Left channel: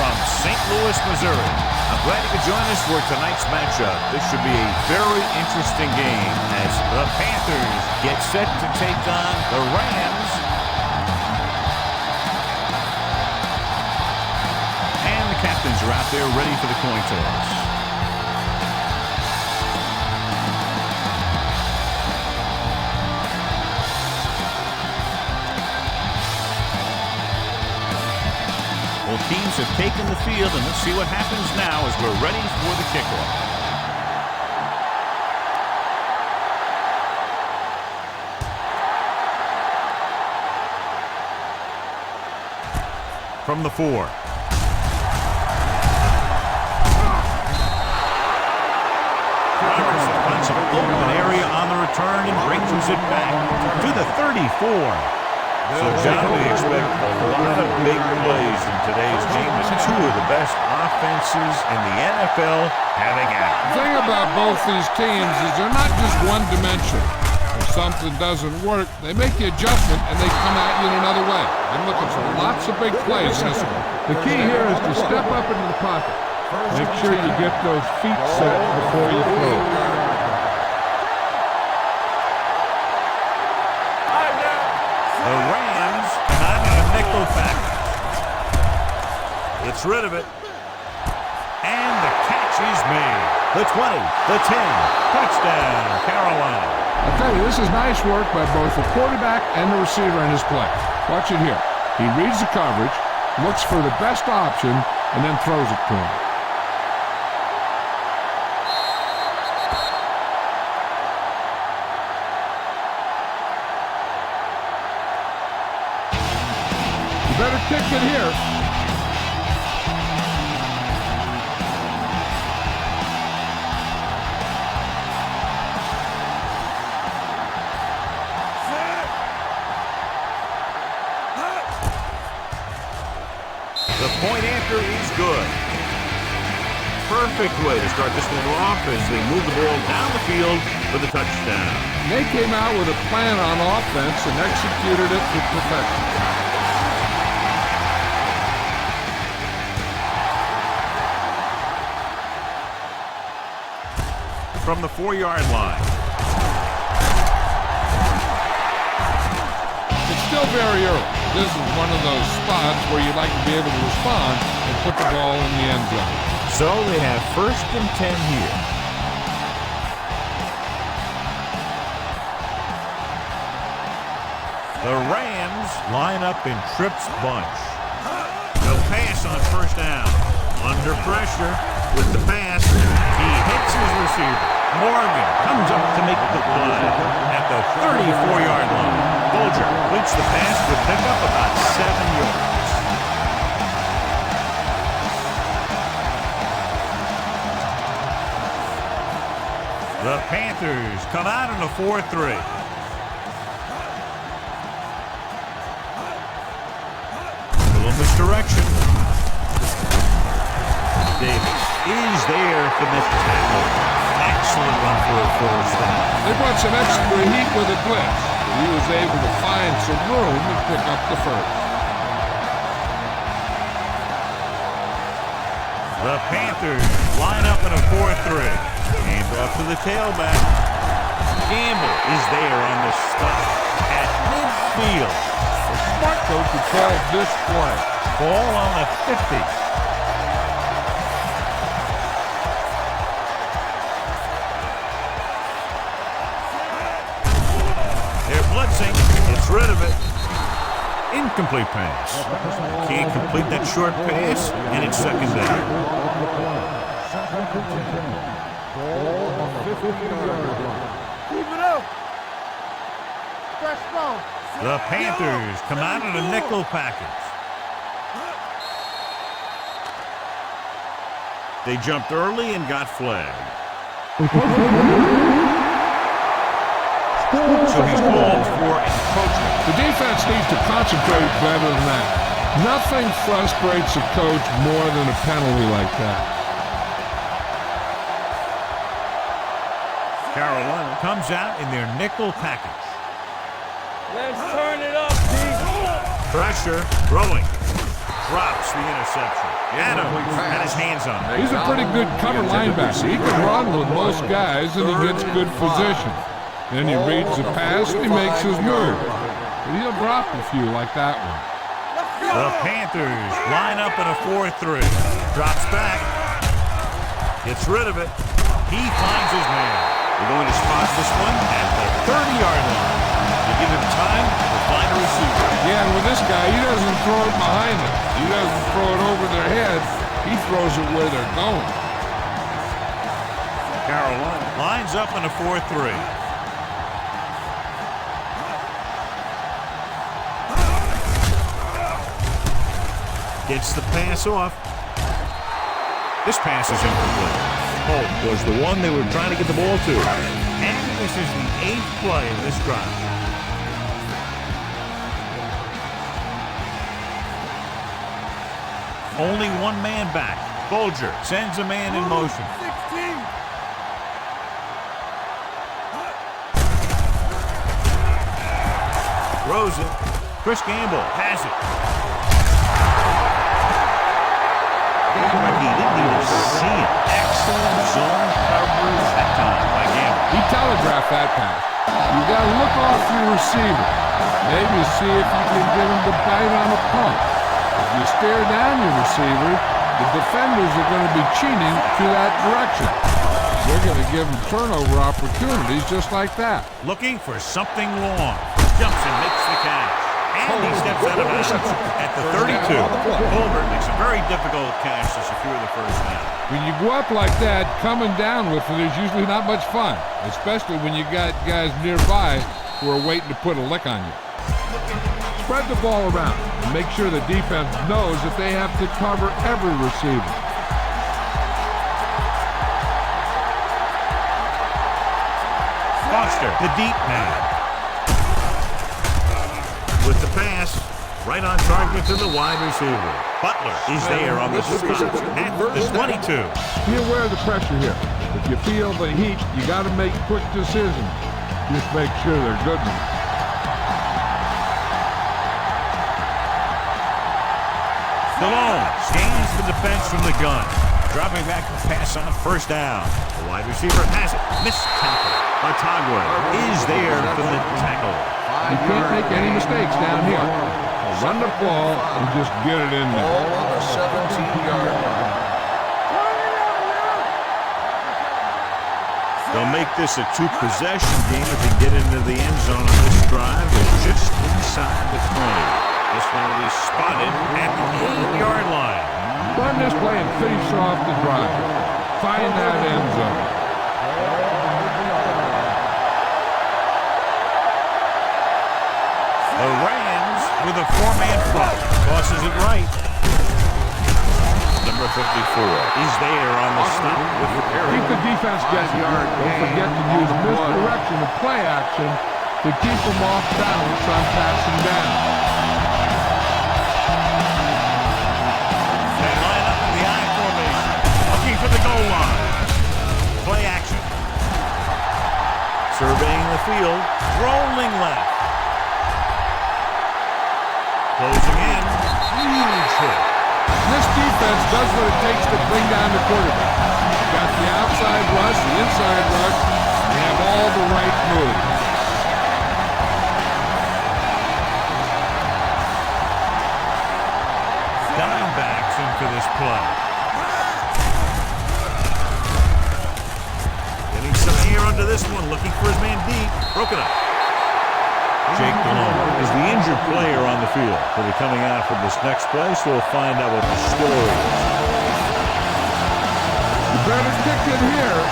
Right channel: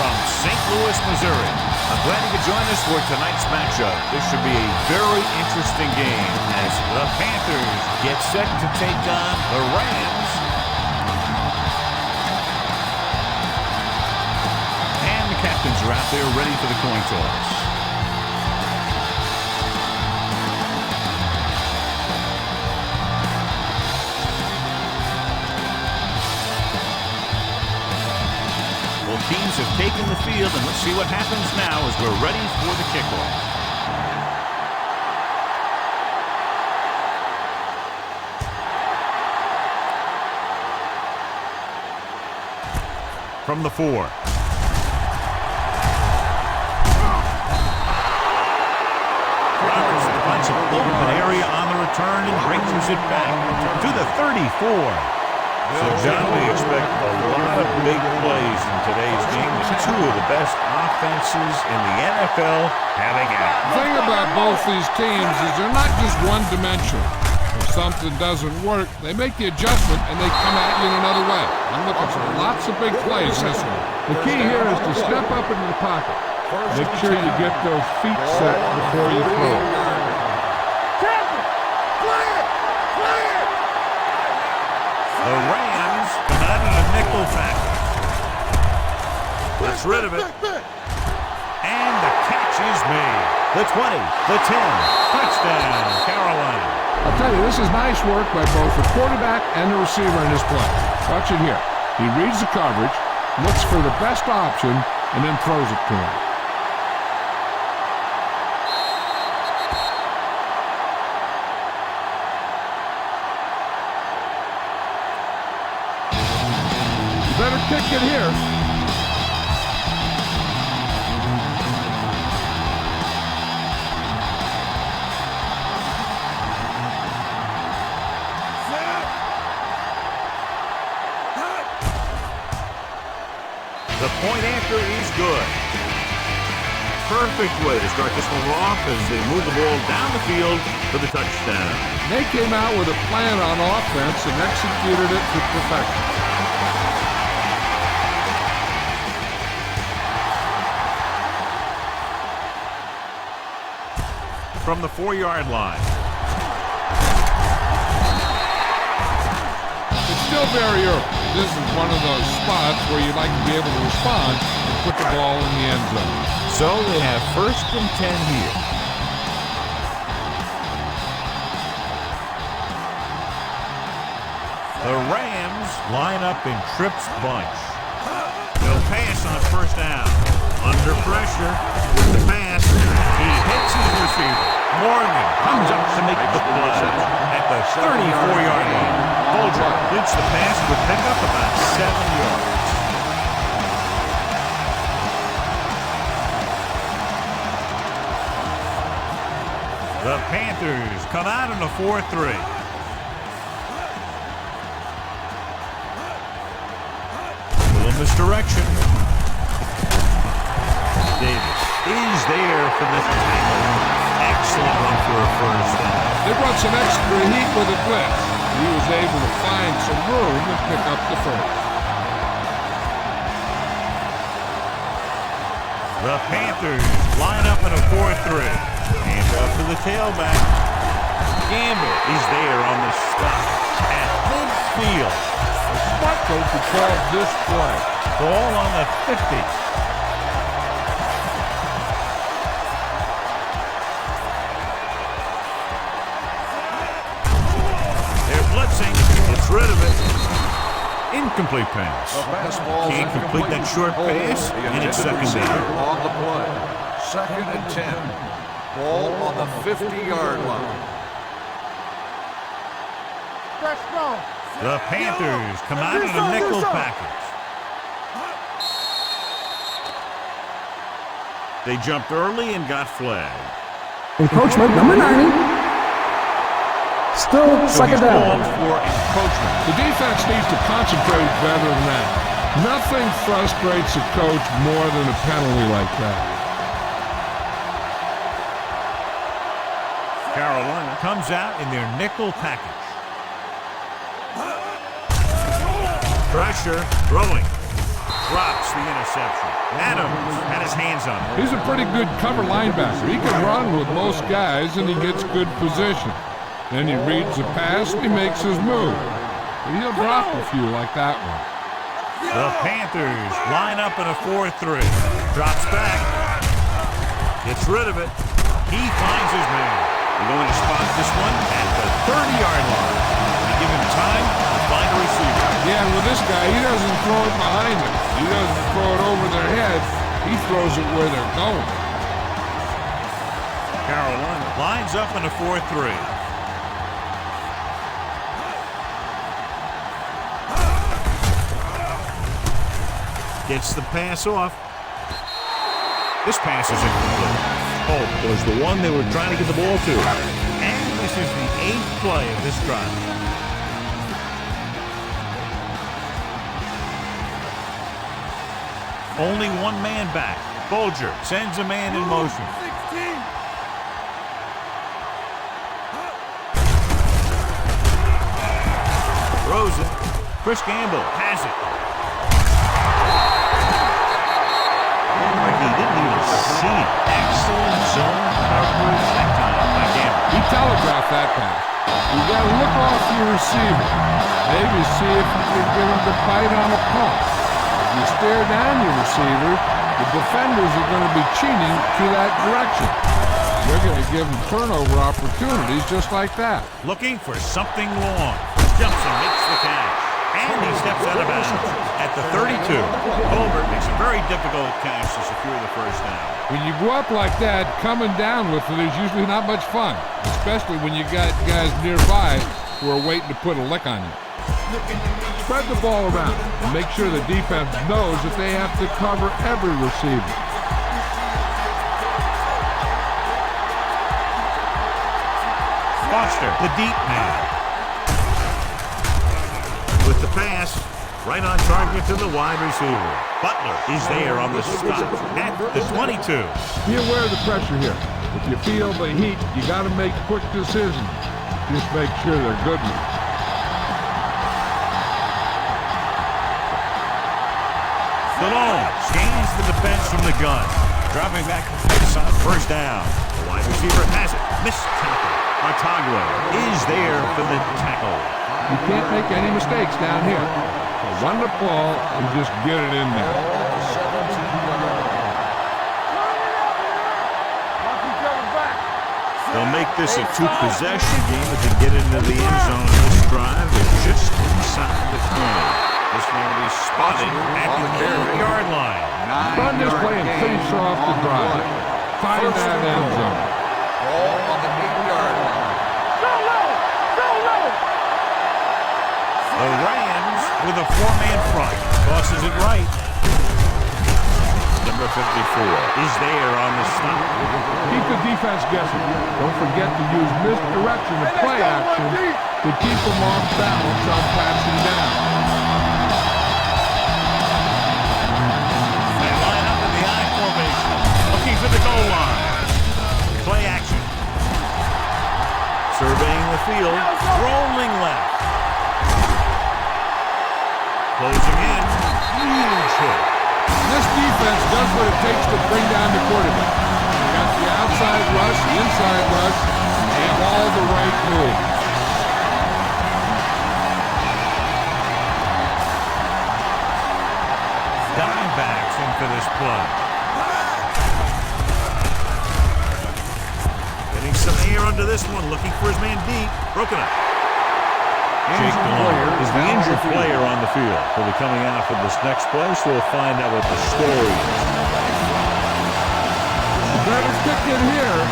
from St. Louis, Missouri. I'm glad you could join us for tonight's matchup. This should be a very interesting game as the Panthers get set to take on the Rams. And the captains are out there ready for the coin toss. Both teams have taken the field, and let's see what happens now as we're ready for the kickoff. From the 4. Robertson finds some open area on the return and brings it back to the 34. So, John, we expect a lot of big plays in today's game with two of the best offenses in the NFL having at it. The thing about both these teams is they're not just one-dimensional. If something doesn't work, they make the adjustment and they come at you in another way. I'm looking for lots of big plays in this one. The key here is to step up into the pocket. Make sure you get those feet set before you throw. The Rams come out in a nickel package. Gets rid of it. And the catch is made. The 20, the 10. Touchdown, Carolina. I'll tell you, this is nice work by both the quarterback and the receiver in this play. Watch it here. He reads the coverage, looks for the best option, and then throws it to him. Better kick it here. The point after is good. Perfect way to start this one off as they move the ball down the field for the touchdown. They came out with a plan on offense and executed it to perfection. From the 4-yard line. It's still very early. This is one of those spots where you'd like to be able to respond and put the ball in the end zone. So they have 1st and 10 here. The Rams line up in trips bunch. No pass on 1st down. Under pressure with the pass. He hits his receiver. Morgan comes up to make the play at the 34-yard line. Bolger completes the pass with pickup about 7 yards. The Panthers come out in a 4-3. Little misdirection. Davis is there for the tackle. Excellent run for a 1st down. They brought some extra heat with a blitz. He was able to find some room and pick up the 1st. The Panthers line up in a 4-3. Hand up to the tailback. Gamble is there on the stop at midfield. A smart coach would call this play. Ball on the 50. They're blitzing. Gets rid of it. Incomplete pass. Can't complete that short pass, and it's 2nd down. On the play. 2nd and 10. Ball on the 50-yard line. Keep it up. Fresh ball. The Panthers come out in a nickel package. They jumped early and got flagged. Encroachment number 90. Still So he's second down. called for encroachment. The defense needs to concentrate better than that. Nothing frustrates a coach more than a penalty like that. Carolina comes out in their nickel package. Pressure, throwing. drops the interception. Adams had his hands on it. He's a pretty good cover linebacker. He can run with most guys, and he gets good position. Then he reads the pass, and he makes his move. But he'll drop a few like that one. The Panthers line up in a 4-3. Drops back. Gets rid of it. He finds his man. They're going to spot this one at the 30-yard line. They give him time to find a receiver. Yeah, and with this guy, he doesn't throw it behind them. He doesn't throw it over their head. He throws it where they're going. Carolina lines up in a 4-3. Gets the pass off. This pass is incomplete. Hope was the one they were trying to get the ball to. And this is the 8th play of this drive. Only one man back. Bolger sends a man in motion. 16. Throws it. Chris Gamble has it. He didn't even see it. Excellent zone coverage that time by Gamble. He telegraphed that pass. You got to look off your receiver. Maybe see if you can get him to bite on a pump. If you stare down your receiver, the defenders are going to be cheating to that direction. They're going to give him turnover opportunities just like that. Looking for something long. Jumps and makes the catch. And he steps out of bounds at the 32. Colbert makes a very difficult catch to secure the first down. When you go up like that, coming down with it is usually not much fun, especially when you got guys nearby who are waiting to put a lick on you. Spread the ball around and make sure the defense knows that they have to cover every receiver. Foster, the deep man. With the pass, right on target to the wide receiver. Butler is there on the stop at the 22. Be aware of the pressure here. If you feel the heat, you got to make quick decisions. Just make sure they're good ones. Stallone scans the defense from the gun. Dropping back the pass on first down. The wide receiver has it. Missed tackle. Artagua is there for the tackle. You can't make any mistakes down here. So run the ball and just get it in there. Ball on the 17-yard line. They'll make this a 2-possession game if they get into the end zone on this drive. They're just inside the 20. This one will be spotted at the 8-yard line. Run this play and finish off the drive. Find that end zone. Ball on the 8-yard line. The Rams with a 4-man front. Tosses it right. Number 54 is there on the stop. Keep the defense guessing. Don't forget to use misdirection and play action to keep them off balance on passing down. They line up in the I formation, looking for the goal line. Play action. Surveying the field, rolling left. Closing in, huge hit. This defense does what it takes to bring down the quarterback. They got the outside rush, the inside rush, and they have all the right moves. Dimebacks in for this play. Getting some air under this one, looking for his man deep. Broken up. Jake DeLone is the injured player on the field. He'll be coming out for this next play, so we'll find out what the story is. You better kick it here.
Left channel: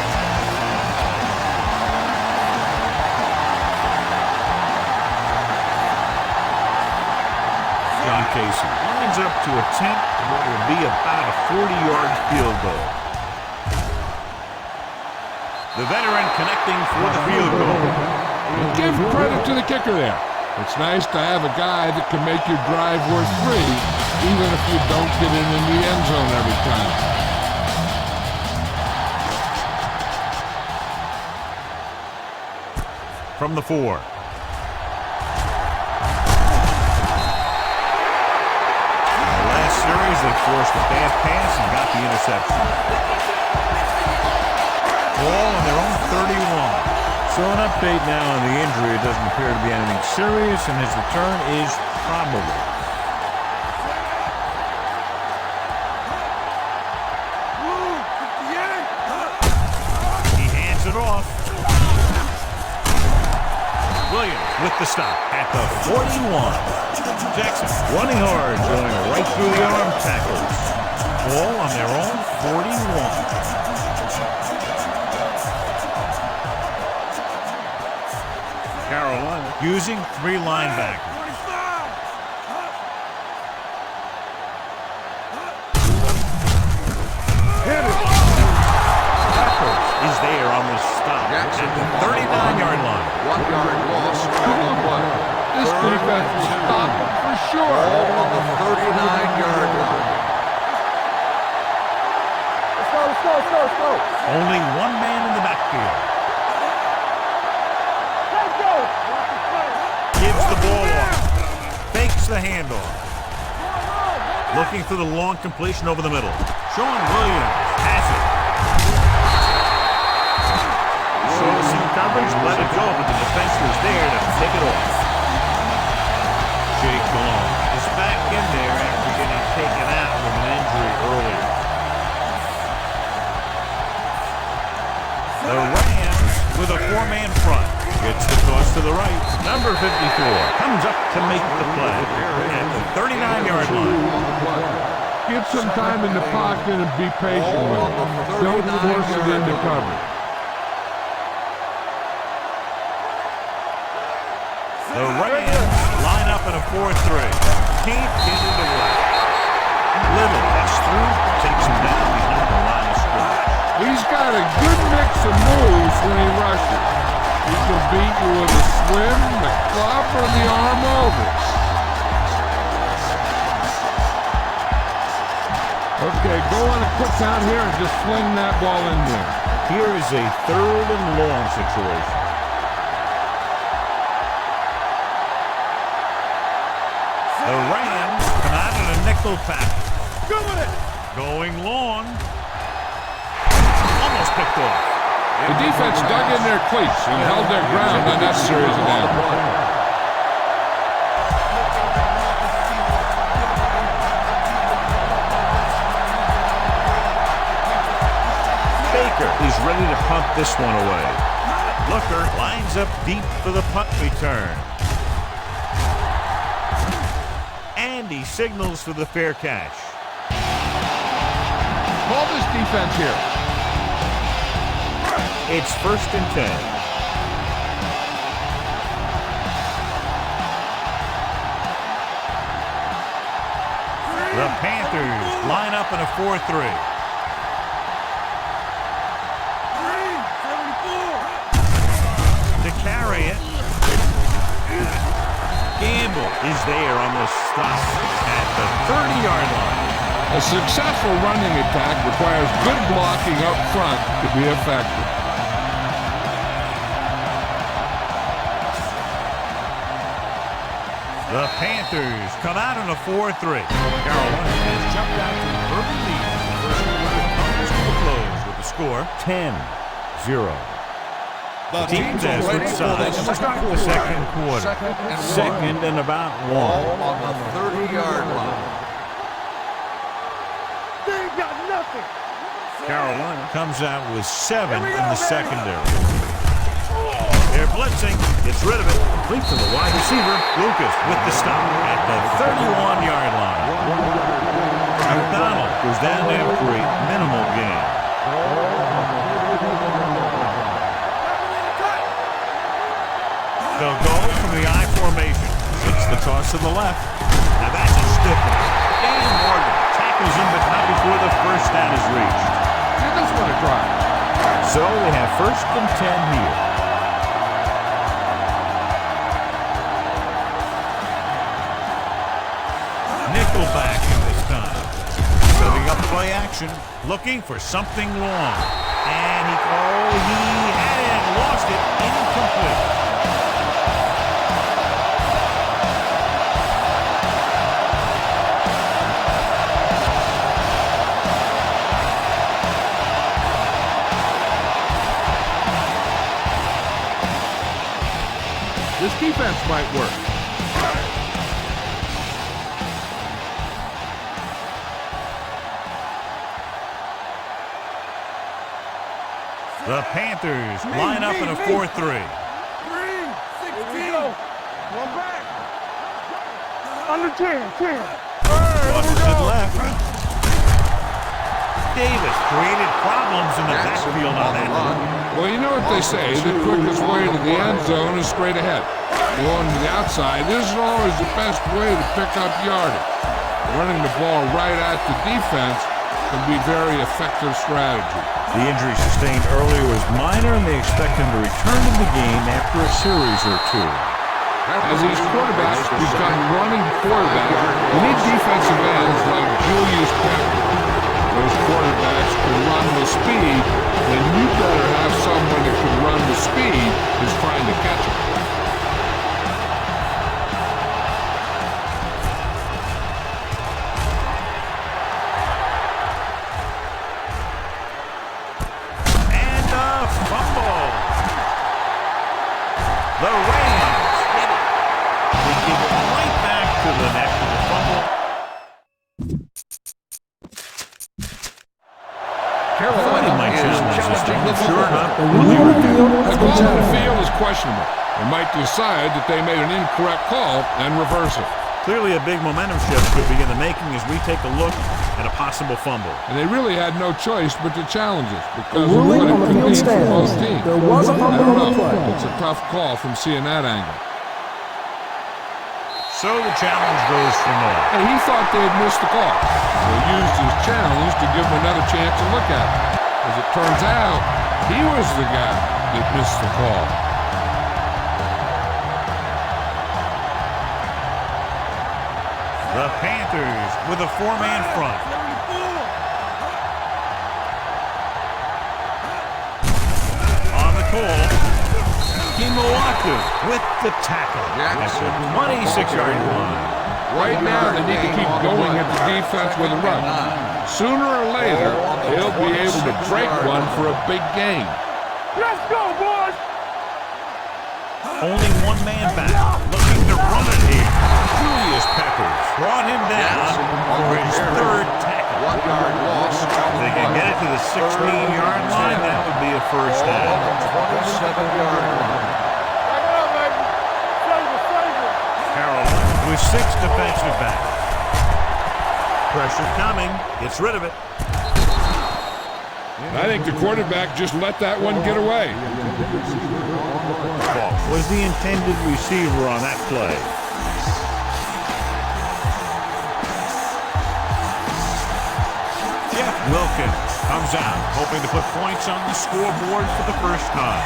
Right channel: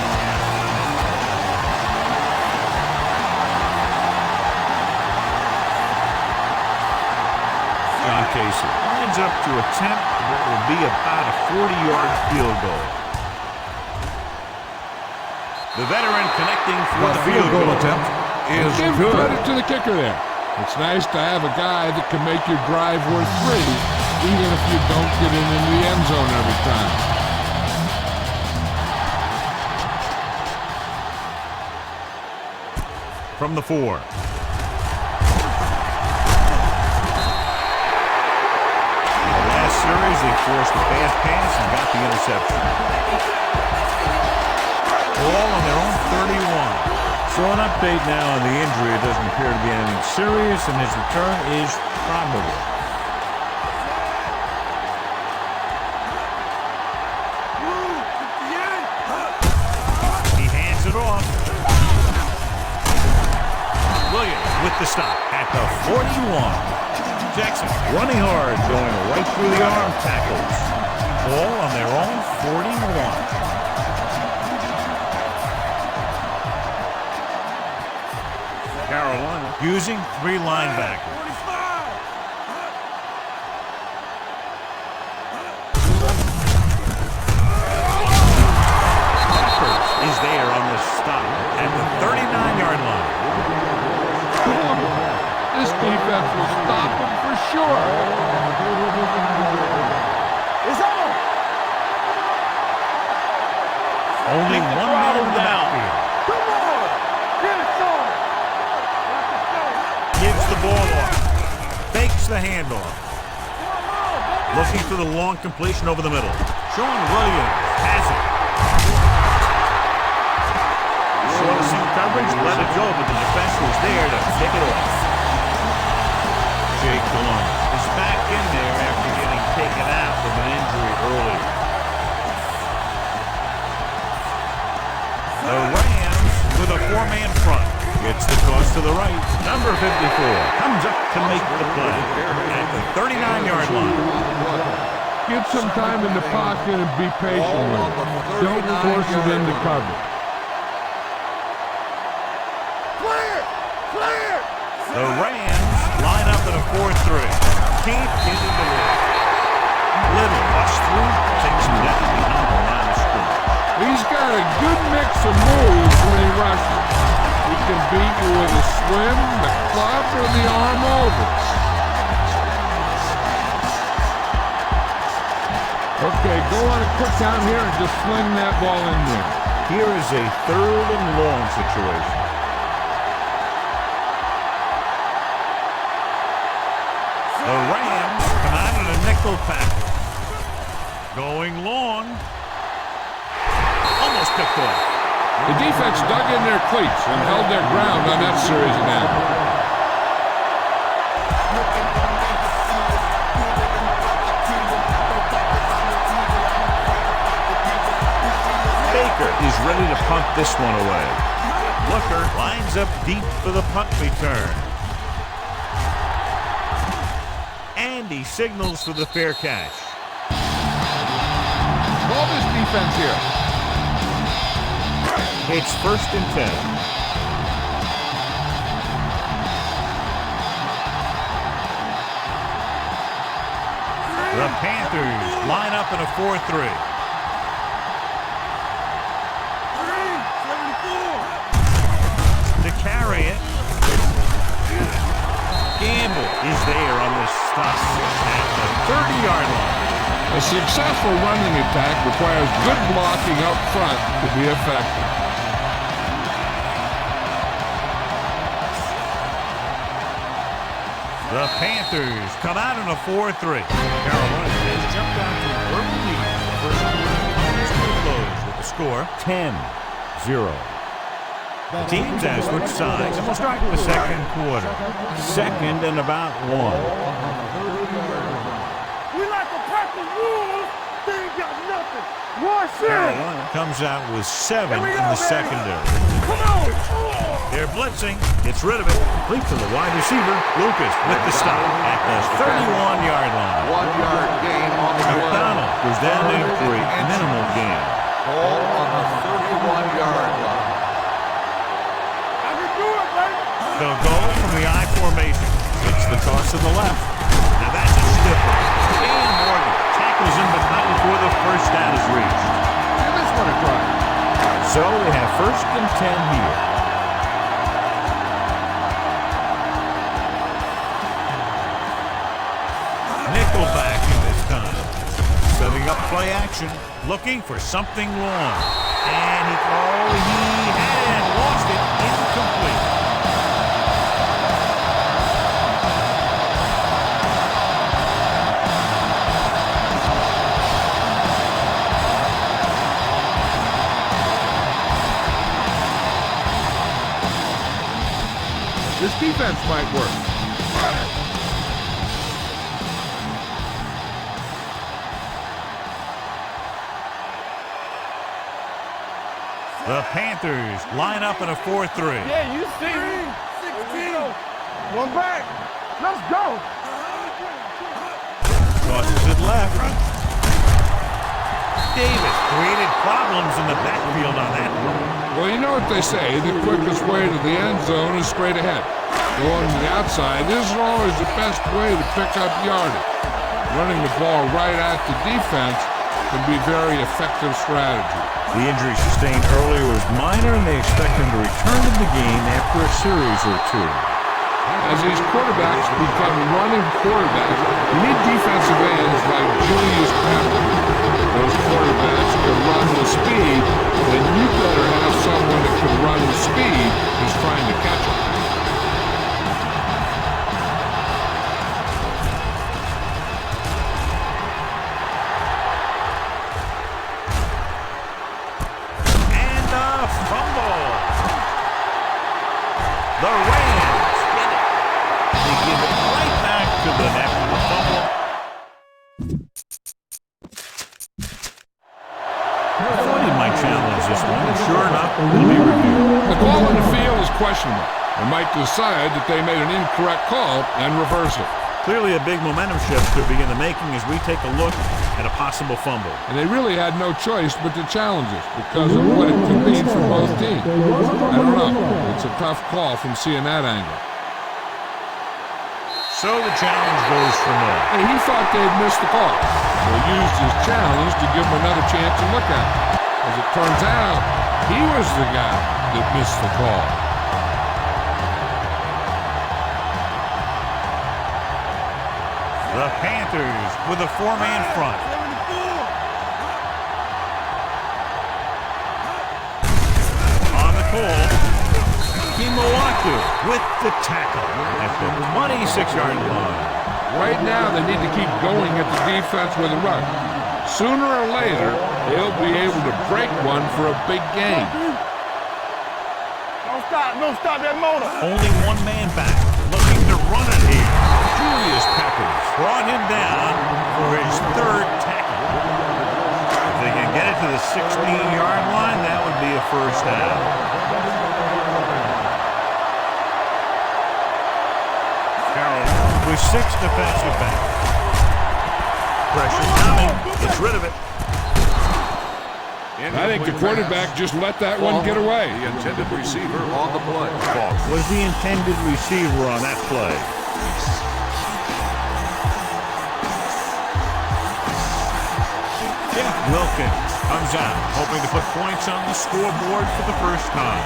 John Casey lines up to attempt what will be about a 40-yard field goal. The veteran connecting for the field goal. Give credit to the kicker there. It's nice to have a guy that can make your drive worth 3, even if you don't get it into the end zone every time. From the 4. The last last series, they forced a bad pass and got the interception. Ball on their own 31. So an update now on the injury. It doesn't appear to be anything serious, and his return is probable. He hands it off. Williams with the stop at the 41. Jackson running hard, going right through the arm tackles. Ball on their own 41. Carolina using 3 linebackers. Is there on the stop at the 39-yard line. This defense will stop him for sure. Only one man in the backfield. Gives the ball off. Fakes the handoff. Looking for the long completion over the middle. Sean Williams has it. Saw the single coverage, let it go, but the defense was there to pick it off. Jake Delhomme is back in there after getting taken out with an injury earlier. The Rams with a 4-man front. Gets the toss to the right. Number 54 comes up to make the play at the 39-yard line. Get some time in the pocket and be patient with it. Don't force it into coverage. The Rams line up in a 4-3. Can't get it away. Little busts through, takes him down behind the line of scrimmage. He's got a good mix of moves when he rushes. He can beat you with a swim, the club, or the arm over. Okay, go on a quick count here and just fling that ball in there. Here is a 3rd and long situation. The Rams come out in a nickel package. Going long. Almost picked off. The defense dug in their cleats and held their ground on that series of downs. Baker is ready to punt this one away. Looker lines up deep for the punt return. And he signals for the fair catch. Call this defense here. It's 1st and 10. The Panthers line up in a 4-3. To carry it. Gamble is there on the stop at the 30-yard line. A successful running attack requires good blocking up front to be effective. The Panthers come out in a 4-3. Carolina has jumped out to an early lead. The first quarter comes to a close with the score 10-0. The teams have switched sides, and we'll start the second quarter. 2nd and about 1. Carolina comes out with 7 in the secondary. They're blitzing, gets rid of it, complete to the wide receiver, Lucas with the stop at the 31-yard line. McDonald goes down there for a minimal gain. They'll go from the I formation. It's the toss to the left. Now that's a stiff one. Dan Morgan tackles him, but not before the first down is reached. Give this one a try. So they have 1st and 10 here. Nickelback in this time. Setting up play action, looking for something long. And he had it and lost it, incomplete. This defense might work. The Panthers line up in a 4-3. Yeah, you see. 3, 16. One back. Let's go. Under 10. Crosses it left. Davis created problems in the backfield on that one. Well, you know what they say, the quickest way to the end zone is straight ahead. Going to the outside isn't always the best way to pick up yardage. Running the ball right at the defense can be very effective strategy. The injury sustained earlier was minor, and they expect him to return to the game after a series or two. As these quarterbacks become running quarterbacks, you need defensive ends like Julius Pepper. Those quarterbacks can run with speed, then you better have someone that can run with speed who's trying to catch them. And a fumble. The Rams get it. They give it right back to them after the fumble. I thought he might challenge this one. Sure enough, it'll be reviewed. The call on the field is questionable and might decide that they made an incorrect call and reverse it. Clearly a big momentum shift could be in the making as we take a look at a possible fumble. And they really had no choice but to challenge it because of what it could mean for both teams. I don't know. It's a tough call from seeing that angle. So the challenge goes for naught. Hey, he thought they'd missed the call, so he used his challenge to give him another chance to look at it. As it turns out, he was the guy that missed the call. The Panthers with a 4-man front. On the call, Kimowatu with the tackle at the 26-yard line. Right now, they need to keep going at the defense with a run. Sooner or later, they'll be able to break one for a big gain. Let's go, boys. Don't stop that motor. Only one man back, looking to run it here. Julius Peppers brought him down for his third tackle. If they can get it to the 16-yard line, that would be a first down. 27-yard line. Carolina with 6 defensive backs. Pressure's coming. Gets rid of it. I think the quarterback just let that one get away. The intended receiver on the play. Was the intended receiver on that play. Jeff Wilkins comes out, hoping to put points on the scoreboard for the first time.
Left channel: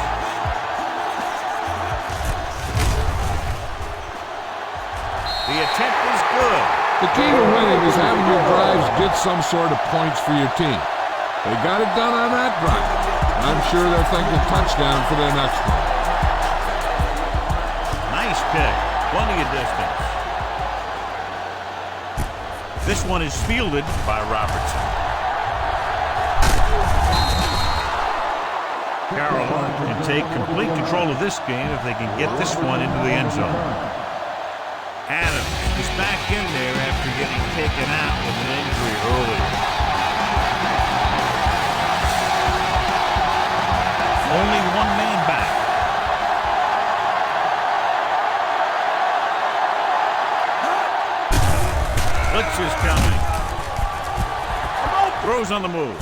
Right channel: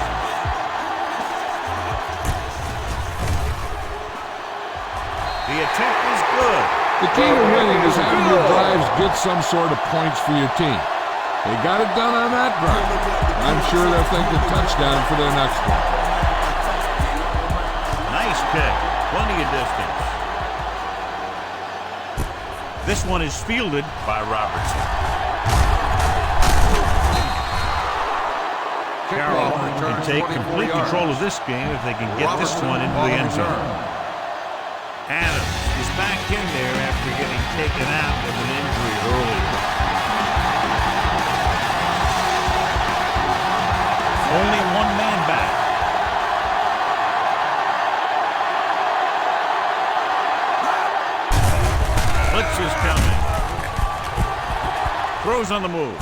The attempt is good. The key to winning is having your drives get some sort of points for your team. They got it done on that drive. I'm sure they'll think a touchdown for their next one. Nice kick. Plenty of distance. This one is fielded by Robertson. Carolina can take complete control of this game if they can get this one into the end zone. Adams is back in there after getting taken out with an injury earlier. Only one man back. Blitz is coming. Throws on the move.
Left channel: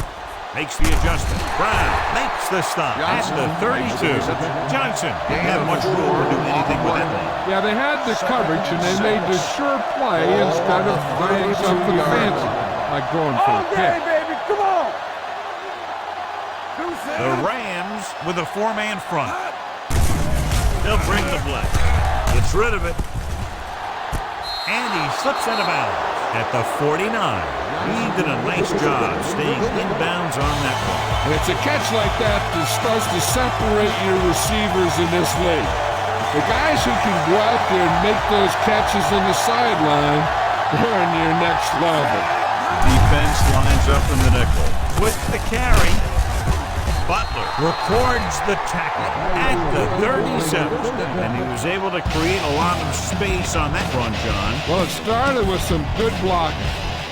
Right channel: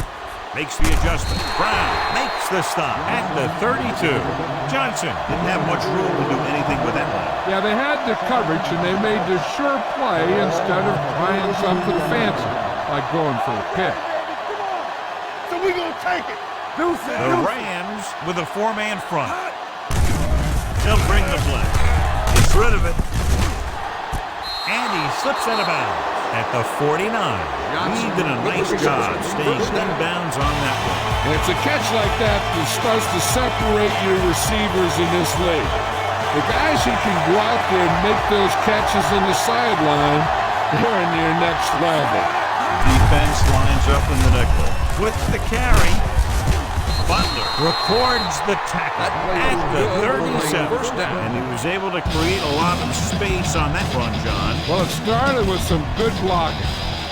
Makes the adjustment. Brown makes the stop at the 32. Johnson didn't have much room to do anything with that one. Yeah, they had the coverage, and they made the sure play instead of trying something fancy, like going for a pick. Baby, come on. So we gonna take it. The Rams with a 4-man front. They'll bring the blitz. Gets rid of it. And he slips out of bounds at the 49. He did a nice job staying inbounds on that one. And it's a catch like that that starts to separate your receivers in this league. The guys who can go out there and make those catches in the sideline, they're in your next level. Defense lines up in the nickel with the carry. Butler records the tackle at the 37. And he was able to create a lot of space on that run, John. Well, it started with some good blocking.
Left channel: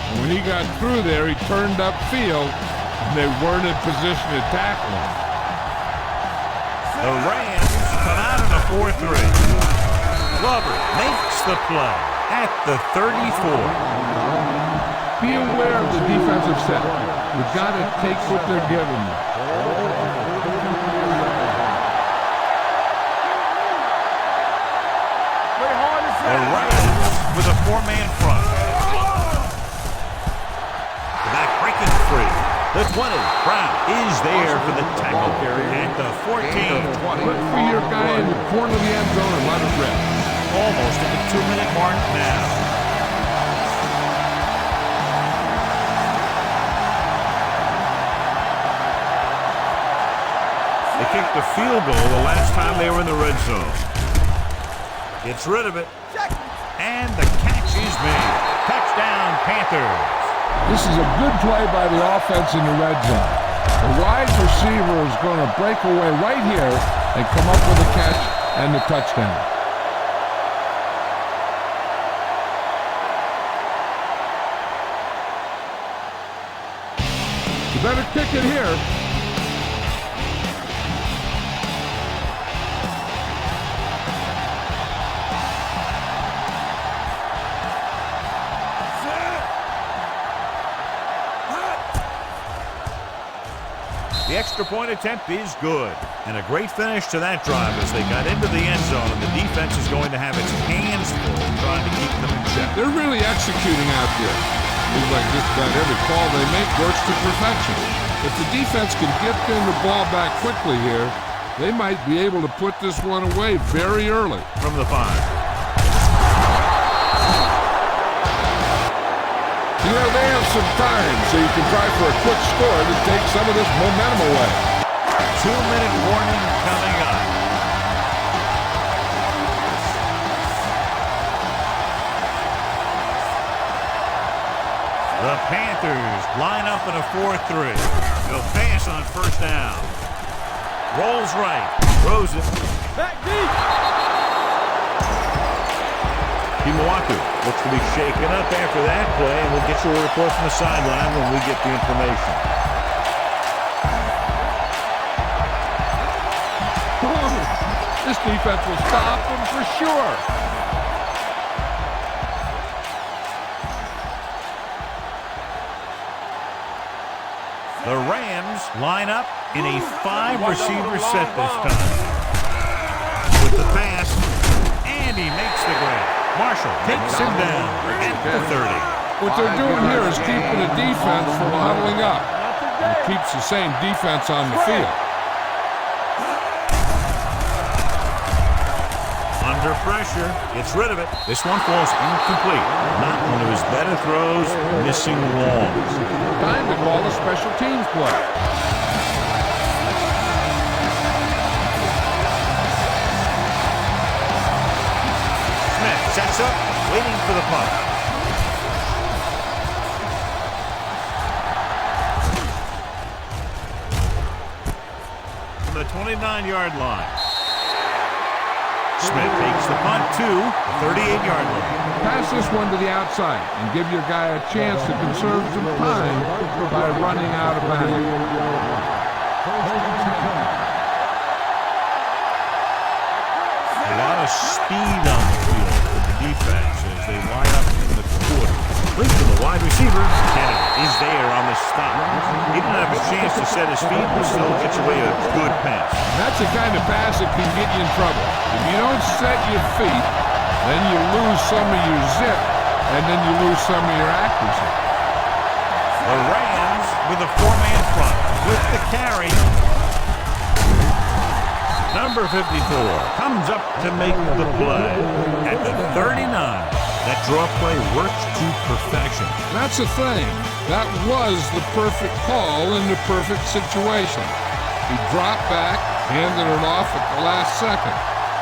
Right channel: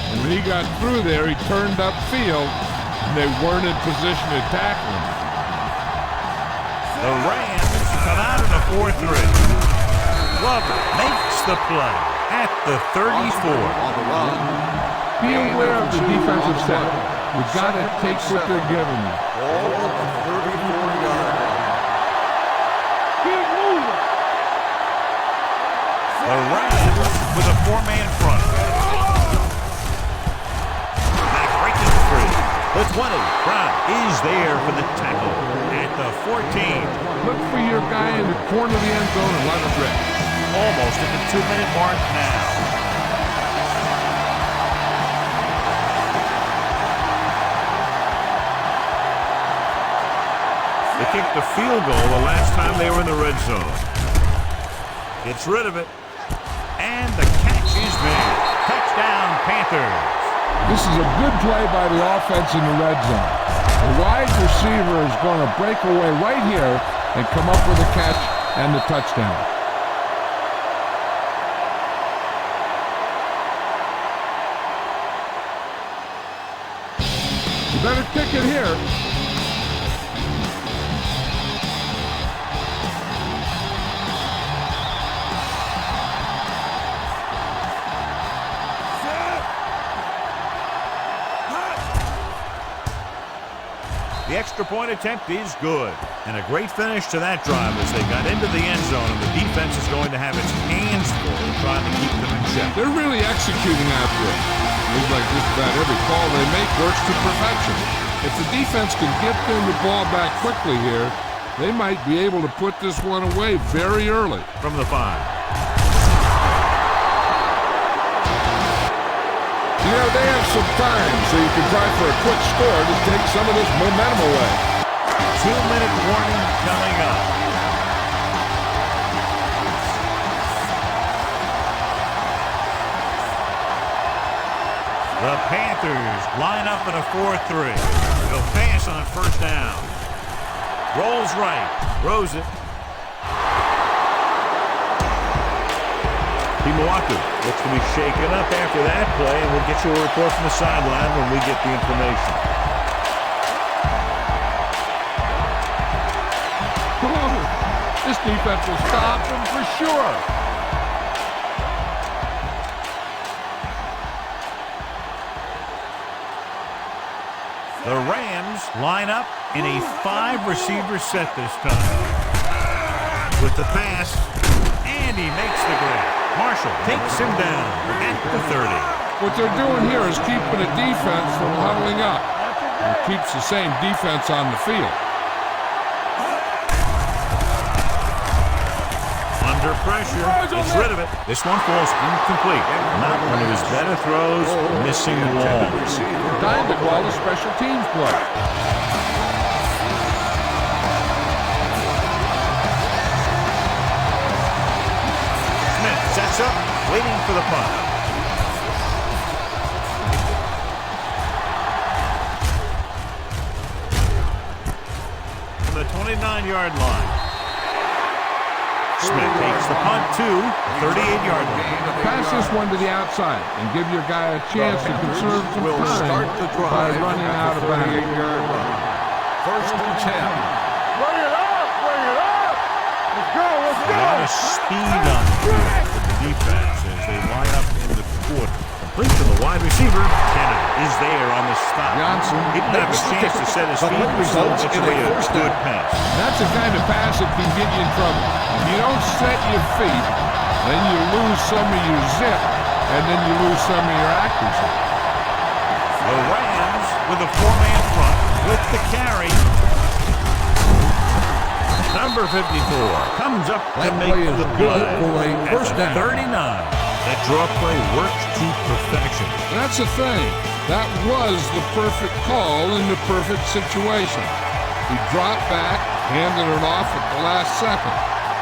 And when he got through there, he turned upfield, and they weren't in position to tackle him. The Rams come out in a 4-3. Glover makes the play at the 34. Be aware of the defensive set. You got to take what they're giving you. The Rams with a 4-man front. Back breaking free. The 20. Brown is there for the tackle at the 14. Look for your guy in the corner of the end zone and let it rip. Almost at the 2-minute mark now. They kicked the field goal the last time they were in the red zone. Gets rid of it. And the catch is made. Touchdown, Panthers. This is a good play by the offense in the red zone. The wide receiver is going to break away right here and come up with a catch and the touchdown. You better kick it here. The extra point attempt is good. And a great finish to that drive as they got into the end zone, and the defense is going to have its hands full trying to keep them in check. They're really executing out there. Seems like just about every call they make works to perfection. If the defense can get them the ball back quickly here, they might be able to put this one away very early. From the 5. You know, they have some time, so you can try for a quick score to take some of this momentum away. 2-minute warning coming up. The Panthers line up in a 4-3. They'll pass on first down. Rolls right. Throws it. Timawatu looks to be shaken up after that play, and we'll get you a report from the sideline when we get the information. Oh, this defense will stop them for sure. The Rams line up in a 5-receiver set this time. With the pass, and he makes the grab. Marshall takes him down at the 30. What they're doing here is keeping the defense from huddling up. It keeps the same defense on the field. Under pressure, gets rid of it. This one falls incomplete. Not one of his better throws, missing long. Time to call a special teams play. Smith sets up, waiting for the punt. From the 29-yard line. Smith takes the punt to the 38-yard line. Pass this one to the outside and give your guy a chance to conserve some time by running out of bounds. First and 10. A lot of speed on the field for the defense as they line up in the quarter. Link to the wide receiver. Kennedy is there on the stop. He didn't have a chance to set his feet, but still gets away a good pass. That's the kind of pass that can get you in trouble. If you don't set your feet, then you lose some of your zip, and then you lose some of your accuracy. The Rams with a 4-man front with the carry. Number 54 comes up to make the play at the 39. That draw play works to perfection. That's the thing. That was the perfect call in the perfect situation. He dropped back, handed it off at the last second,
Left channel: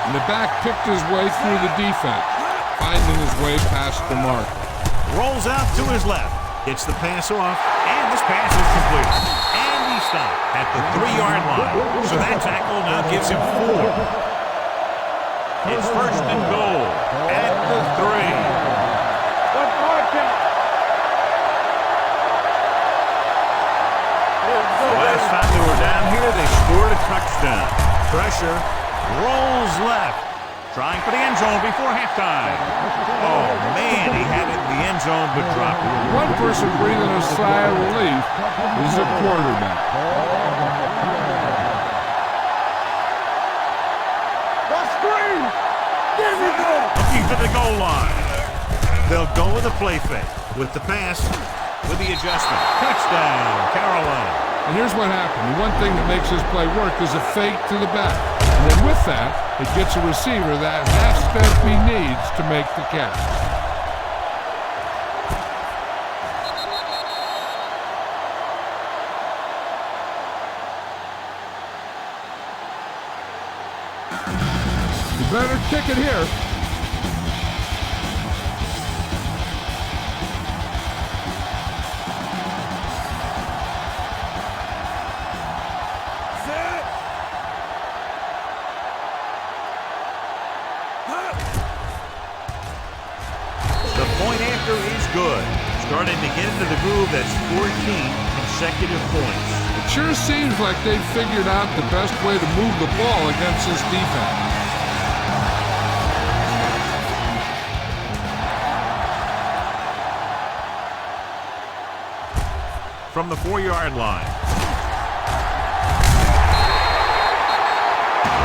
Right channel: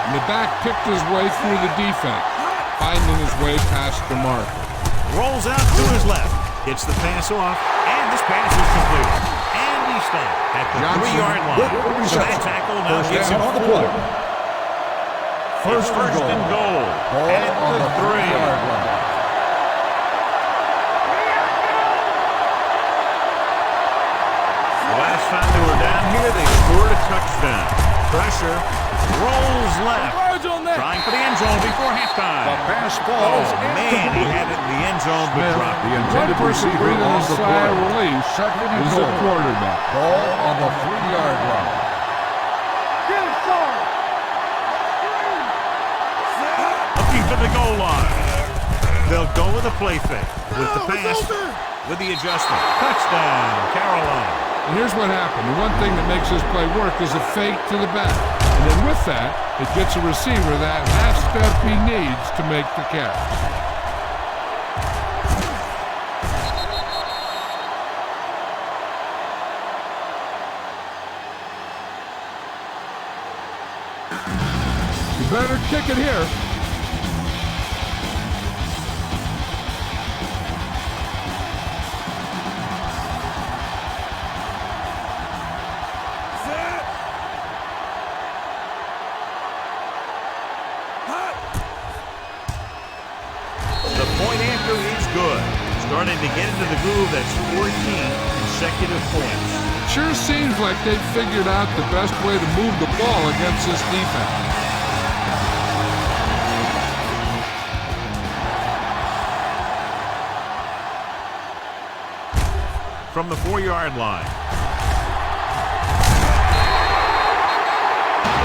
and the back picked his way through the defense, finding his way past the marker. Rolls out to his left, gets the pass off, and this pass is completed. And he stop at the 3-yard line. So that tackle now gives him 4. It's first and goal at the 3. The last time they were down here, they scored a touchdown. Pressure, rolls left, trying for the end zone before halftime. Oh, man, he had it in the end zone, but dropped it. One person breathing a sigh of relief is the quarterback. Ball on the 3-yard line. Looking for the goal line. They'll go with a play fake. With the pass, with the adjustment. Touchdown, Carolina. And here's what happened. The one thing that makes this play work is a fake to the back. And then with that, it gets a receiver that half step he needs to make the catch. You better kick it here. The point after is good. Starting to get into the groove. That's 14 consecutive points. It sure seems like they've figured out the best way to move the ball against this defense. From the 4-yard line.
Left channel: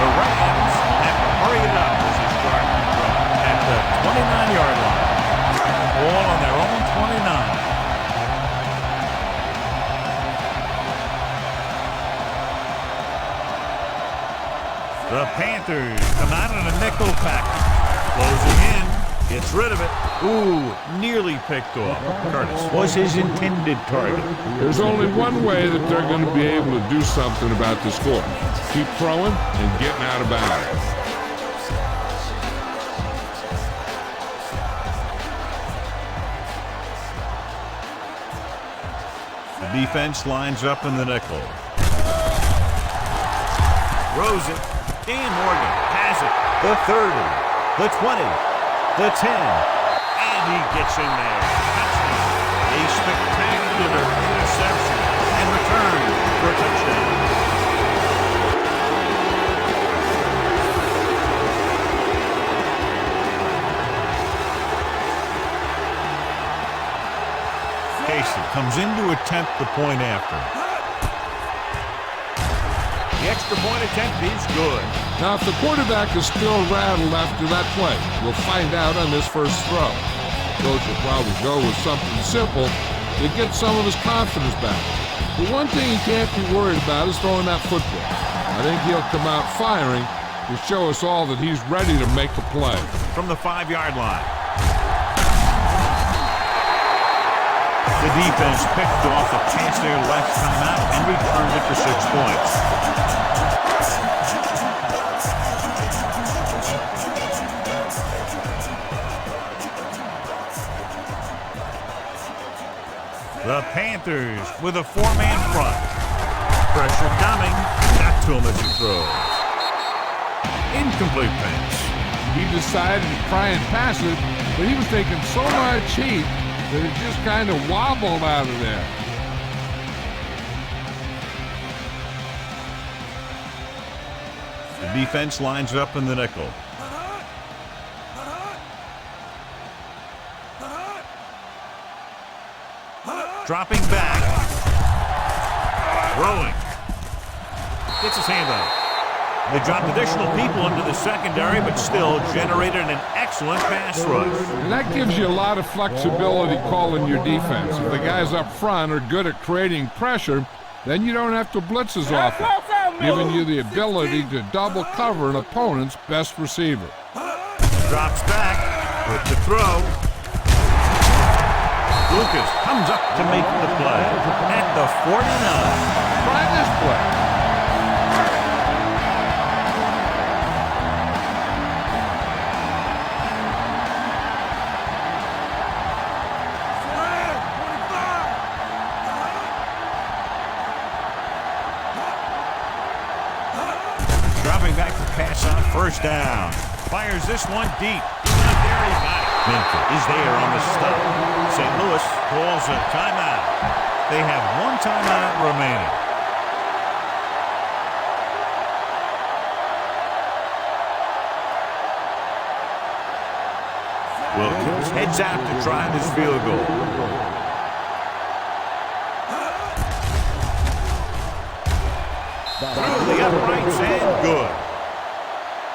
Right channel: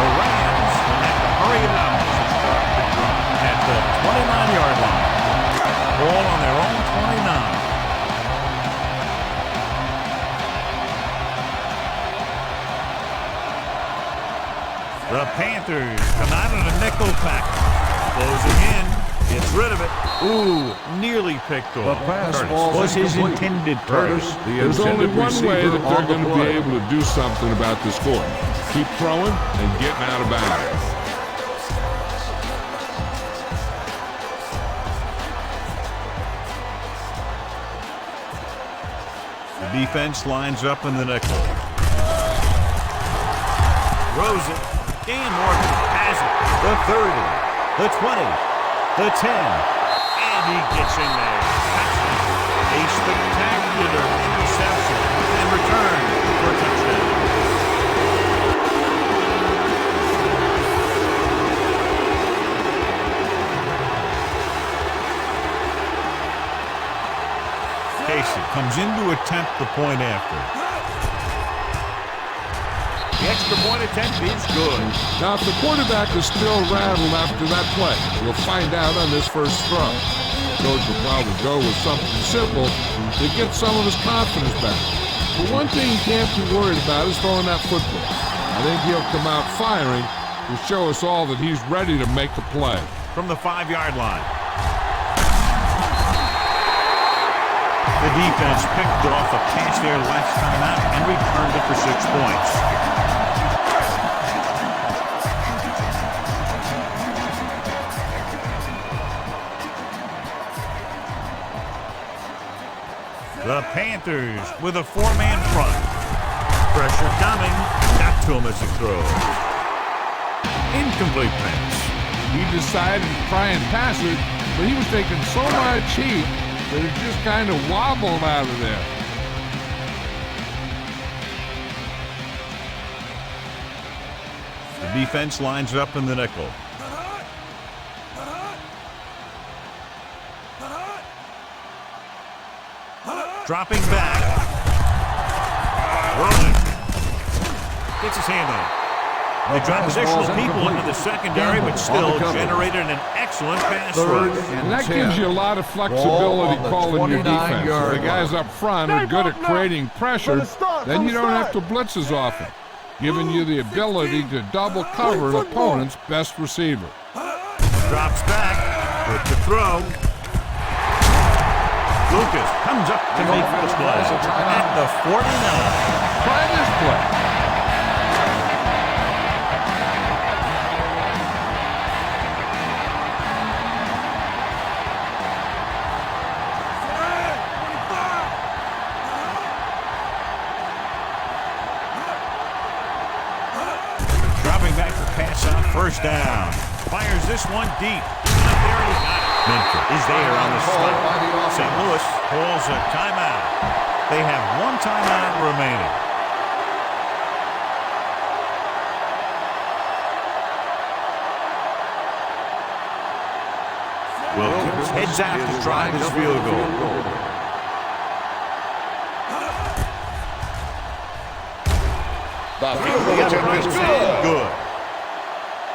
The Rams will have to hurry it up as they start the drive at the 29-yard line. Ball on their own 29. The Panthers come out in a nickel package. Closing in. Gets rid of it. Ooh, nearly picked off. Curtis was his intended target. There's only one way that they're going to be able to do something about the score. Keep throwing and getting out of bounds. The defense lines up in the nickel. Throws it. Dan Morgan has it. The 30, the 20, the 10, and he gets in there. Touchdown. A spectacular interception and return for a touchdown. Casey comes in to attempt the point after. The extra point attempt is good. Now, if the quarterback is still rattled after that play, we'll find out on this first throw. The coach will probably go with something simple to get some of his confidence back. But one thing he can't be worried about is throwing that football. I think he'll come out firing to show us all that he's ready to make a play. From the 5-yard line. The defense picked off a pass there last time out and returned it for 6 points. The Panthers with a 4-man front. Pressure coming. Got to him as he throws. Incomplete pass. He decided to try and pass it, but he was taking so much heat that it just kind of wobbled out of there. The defense lines up in the nickel. Dropping back. Rolling. Gets his hand on it. They dropped additional people into the secondary, but still generated an excellent pass rush. And that gives you a lot of flexibility calling your defense. If the guys up front are good at creating pressure, then you don't have to blitz as often, giving you the ability to double cover an opponent's best receiver. Drops back with the throw. Lucas comes up to make the play at the 49. Try this play. Dropping back to pass on first down. Fires this one deep. Even up there, and he got it. Minter is there on the stop. St. Louis calls a timeout. They have one timeout remaining. Wilkins heads out to try this field goal. Through the uprights and good.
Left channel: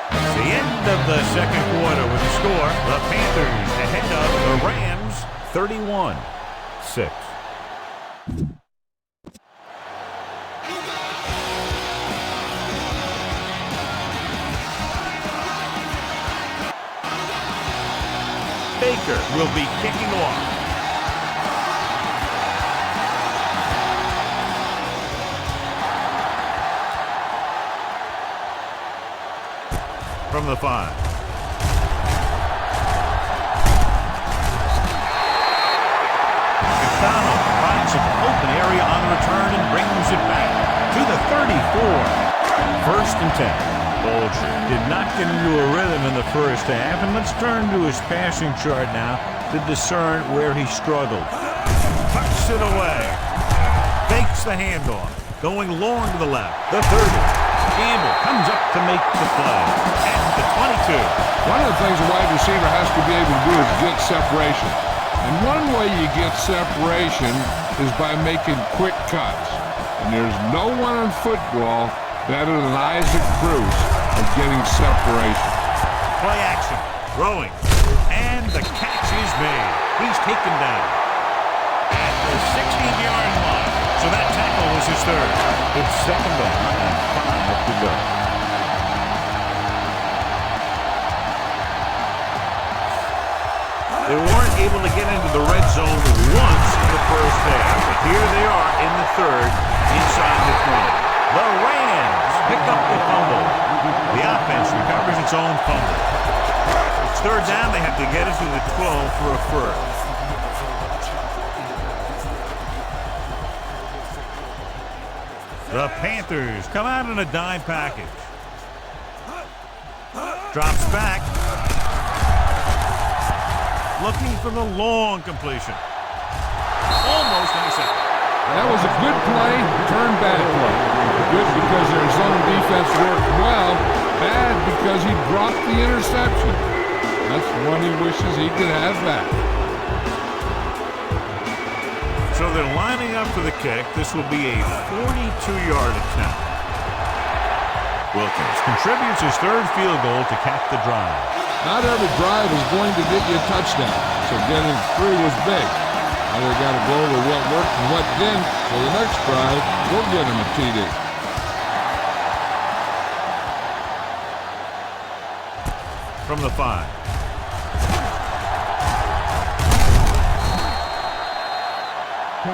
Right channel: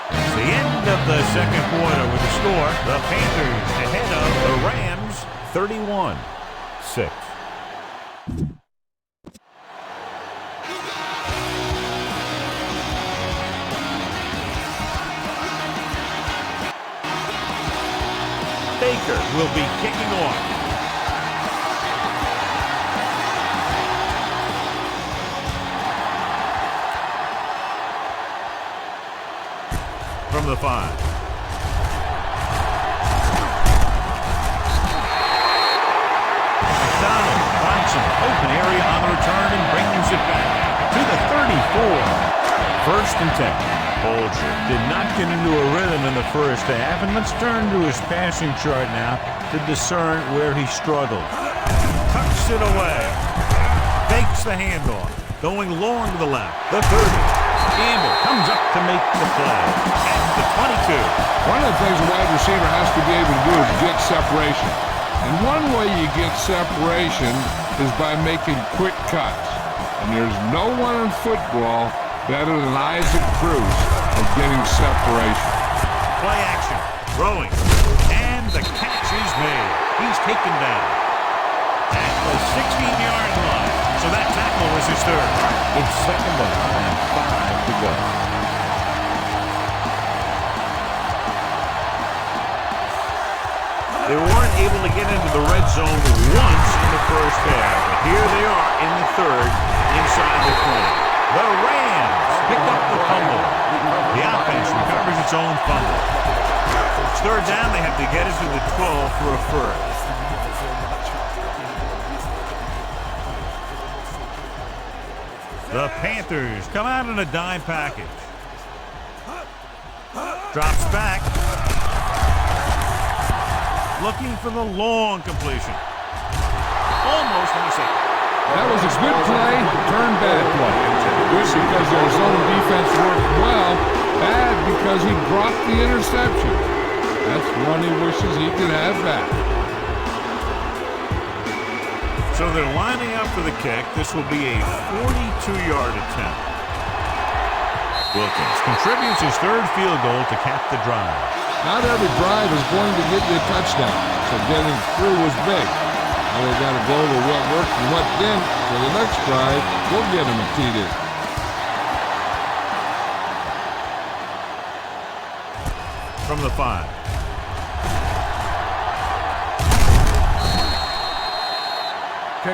It's the end of the second quarter with the score. The Panthers ahead of the Rams 31-6. Baker will be kicking off. From the 5. McDonald finds some open area on the return and brings it back to the 34. 1st and 10. Bolger did not get into a rhythm in the first half, and let's turn to his passing chart now to discern where he struggled. Tucks it away. Fakes the handoff. Going long to the left. The 30. Gamble comes up to make the play at the 22. One of the things a wide receiver has to be able to do is get separation. And one way you get separation is by making quick cuts. And there's no one in football better than Isaac Bruce at getting separation. Play action. Throwing. And the catch is made. He's taken down at the 16-yard line. So that tackle was his 3rd. It's 2nd down and 5 to go. They weren't able to get into the red zone once in the first half, but here they are in the 3rd inside the 20. The Rams pick up the fumble. The offense recovers its own fumble. It's 3rd down. They have to get it to the 12 for a first. The Panthers come out in a dime package. Drops back. Looking for the long completion. Almost intercepted. That was a good play, turned bad play. Good because their zone defense worked well. Bad because he dropped the interception. That's one he wishes he could have back. So they're lining up for the kick. This will be a 42-yard attempt. Wilkins contributes his 3rd field goal to cap the drive. Not every drive is going to get you a touchdown, so getting 3 was big. Now they got to go over what worked and what didn't, so the next drive will get him a TD. From the 5.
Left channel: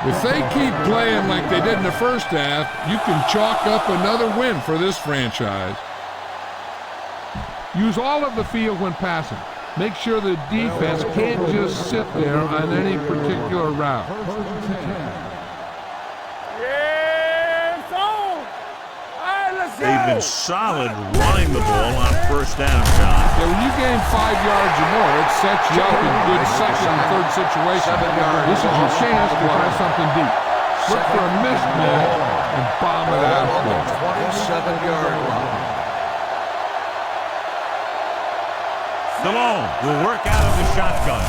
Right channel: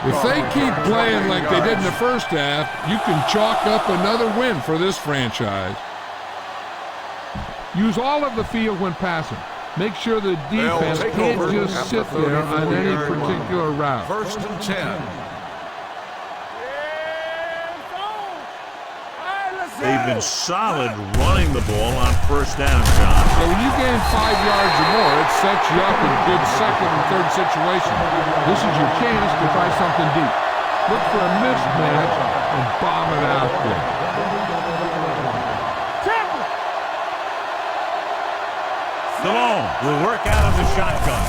If they keep playing like they did in the first half, you can chalk up another win for this franchise. Use all of the field when passing. Make sure the defense can't just sit there on any particular route. 1st and 10. Yeah, it's on. All right, let's go. They've been solid running the ball on 1st down, John. Yeah, when you gain 5 yards or more, it sets you up in good 2nd and 3rd situations. This is your chance to try something deep. Look for a mismatch and bomb it out there. 27-yard line. Stallone will work out of the shotgun.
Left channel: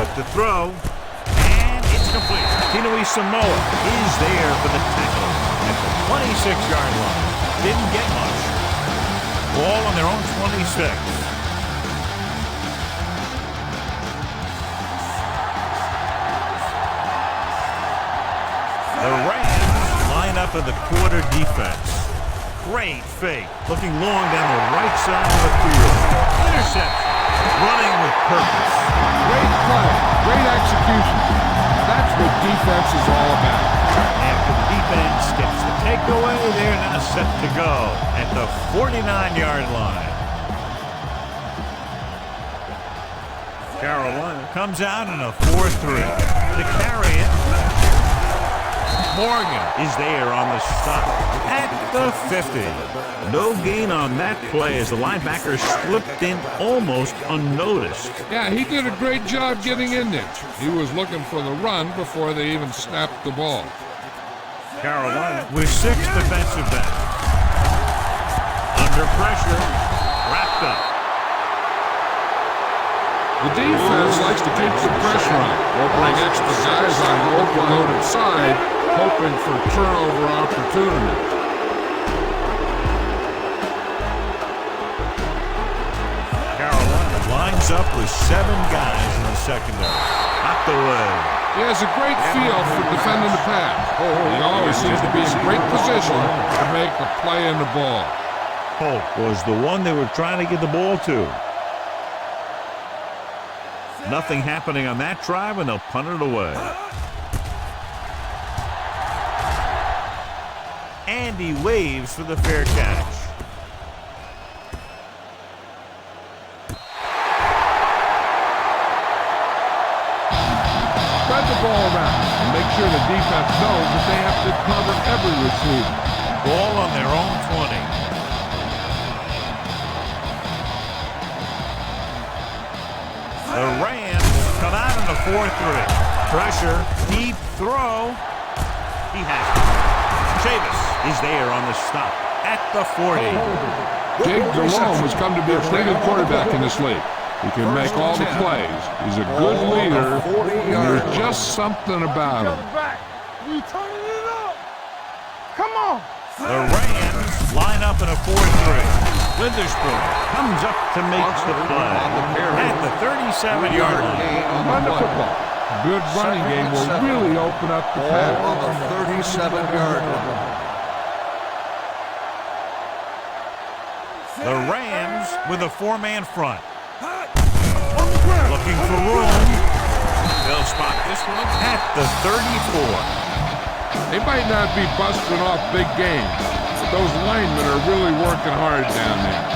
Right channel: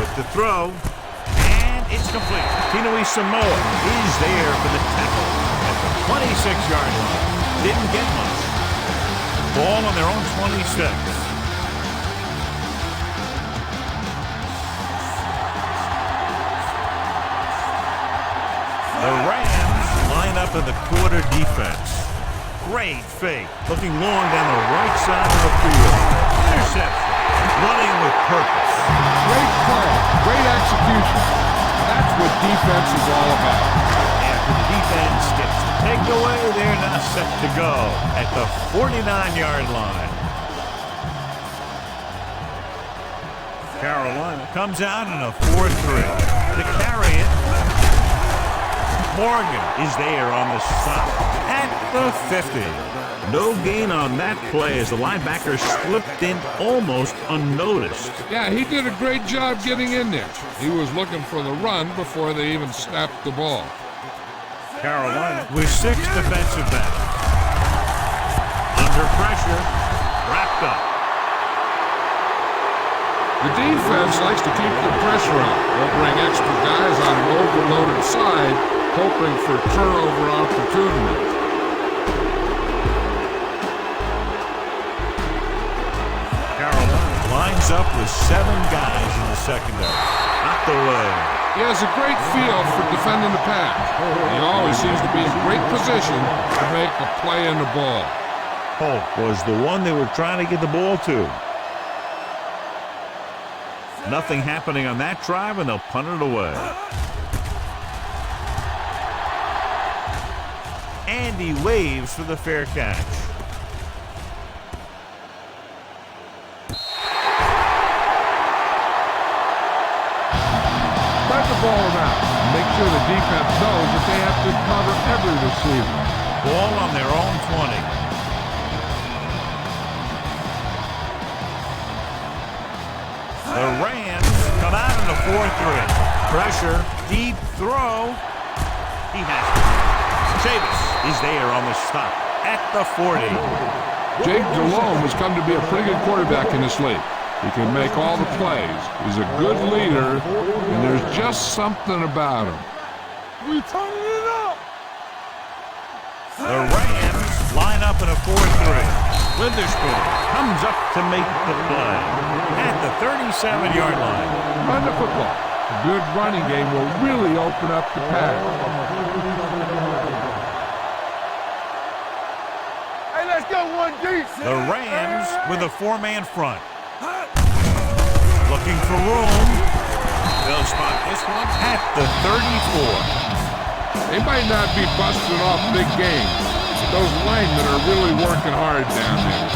With the throw, and it's complete. Tinui Samoa is there for the tackle at the 26-yard line. Didn't get much. Ball on their own 26. The Rams line up in the quarter defense. Great fake. Looking long down the right side of the field. Interception. Running with purpose. Great play. Great execution. Now that's what defense is all about. After the defense gets the takeaway, they're now set to go at the 49-yard line. Carolina comes out in a 4-3. To carry it. Morgan is there on the stop at the 50. No gain on that play as the linebacker slipped in almost unnoticed. Yeah, he did a great job getting in there. He was looking for the run before they even snapped the ball. Carolina with 6 defensive backs. Under pressure, wrapped up. The defense likes to keep the pressure on. They'll bring extra guys on an overloaded side, hoping for turnover opportunities. Carolina lines up with 7 guys in the secondary. Knocked away. He has a great feel for defending the pass. He always seems to be in great position to make a play in the ball. Holt was the one they were trying to get the ball to. Nothing happening on that drive, and they'll punt it away. And he waves for the fair catch. Spread the ball around and make sure the defense knows that they have to cover every receiver. Ball on their own 20. The Rams come out in a 4-3. Pressure, deep throw. He has it. Chavis is there on the stop at the 40. Jake Delhomme has come to be a pretty good quarterback in this league. He can make all the plays. He's a good leader, and there's just something about him. We turning it up. Come on. The Rams line up in a 4-3. Witherspoon comes up to make the play at the 37-yard line. Run the football. A good running game will really open up the pass. On the 37-yard line. Hey, let's go one deep. The Rams with a 4-man front. Looking for room. They'll spot this one at the 34. They might not be busting off big games, but those linemen are really working hard down there.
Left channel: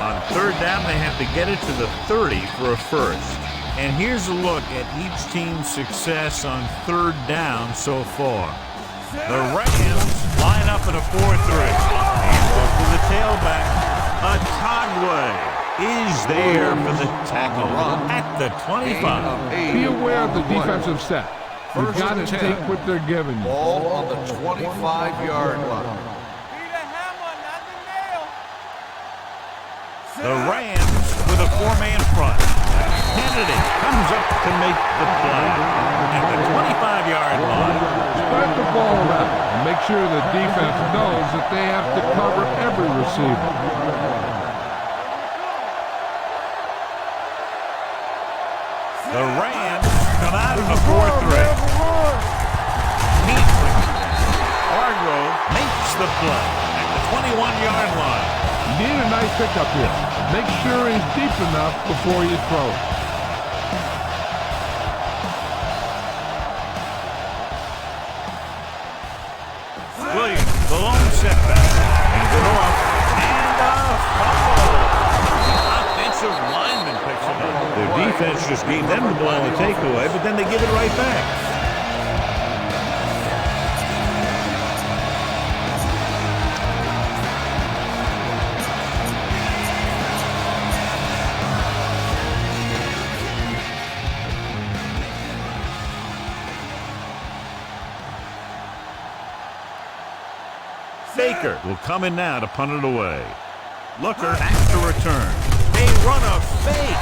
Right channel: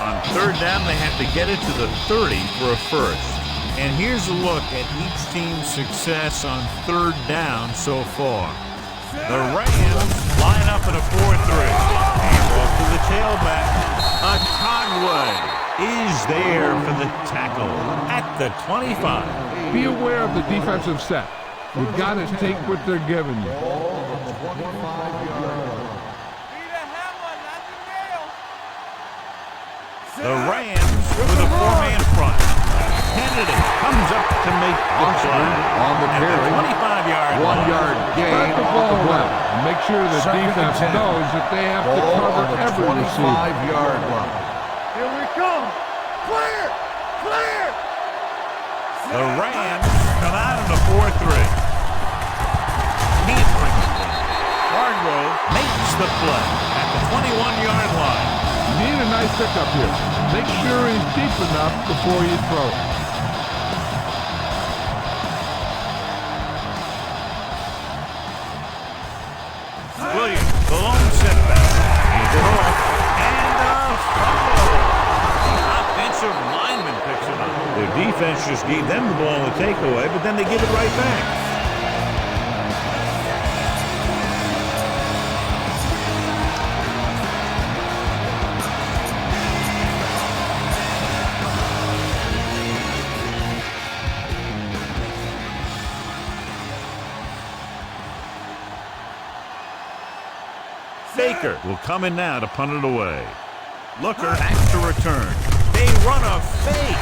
On 3rd down, they have to get it to the 30 for a first. And here's a look at each team's success on 3rd down so far. The Rams line up in a 4-3. And off to the tailback. Otagwe is there for the tackle at the 25. Be aware of the defensive set. You've got to take what they're giving you. Ball on the 25-yard line. Be the hammer, not the nail. The Rams with a 4-man front. Kennedy comes up to make the play at the 25-yard line. Spread the ball around and make sure the defense knows that they have to cover every receiver. 25-yard line. Here we come. Clear. Clear. The Rams come out in a 4-3. Heat brings it down. Hargrove makes the play at the 21-yard line. You need a nice pickup here. Make sure he's deep enough before you throw it. Williams, the lone setback. Hands it off. And a fumble. The offensive lineman picks it up. Their defense just gave them the ball in the takeaway, but then they give it right back. Baker will come in now to punt it away. Looker back to return. They run a fake.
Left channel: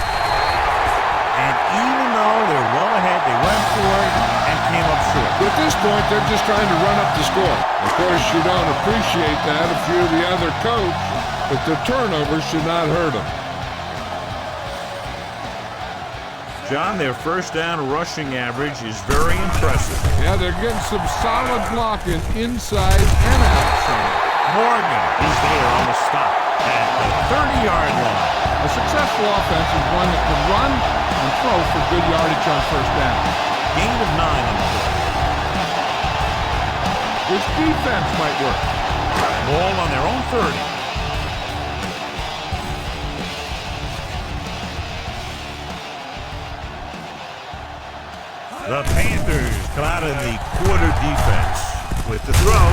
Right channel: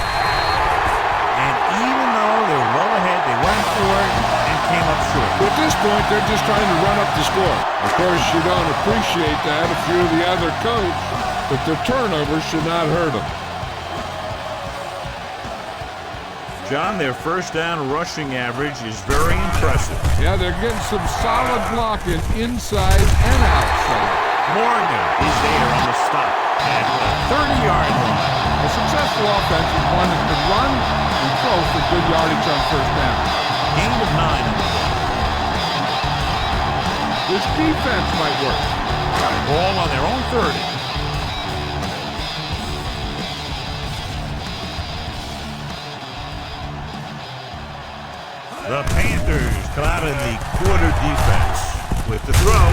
And even though they're well ahead, they went for it and came up short. At this point, they're just trying to run up the score. Of course, you don't appreciate that if you're the other coach, but the turnover should not hurt them. John, their first down rushing average is very impressive. Yeah, they're getting some solid blocking inside and outside. Morgan is there on the stop at the 30-yard line. A successful offense is one that can run and throw for good yardage on first down. Gain of 9 on the play. This defense might work. Ball on their own 30. The Panthers come out in the quarter defense. With the throw,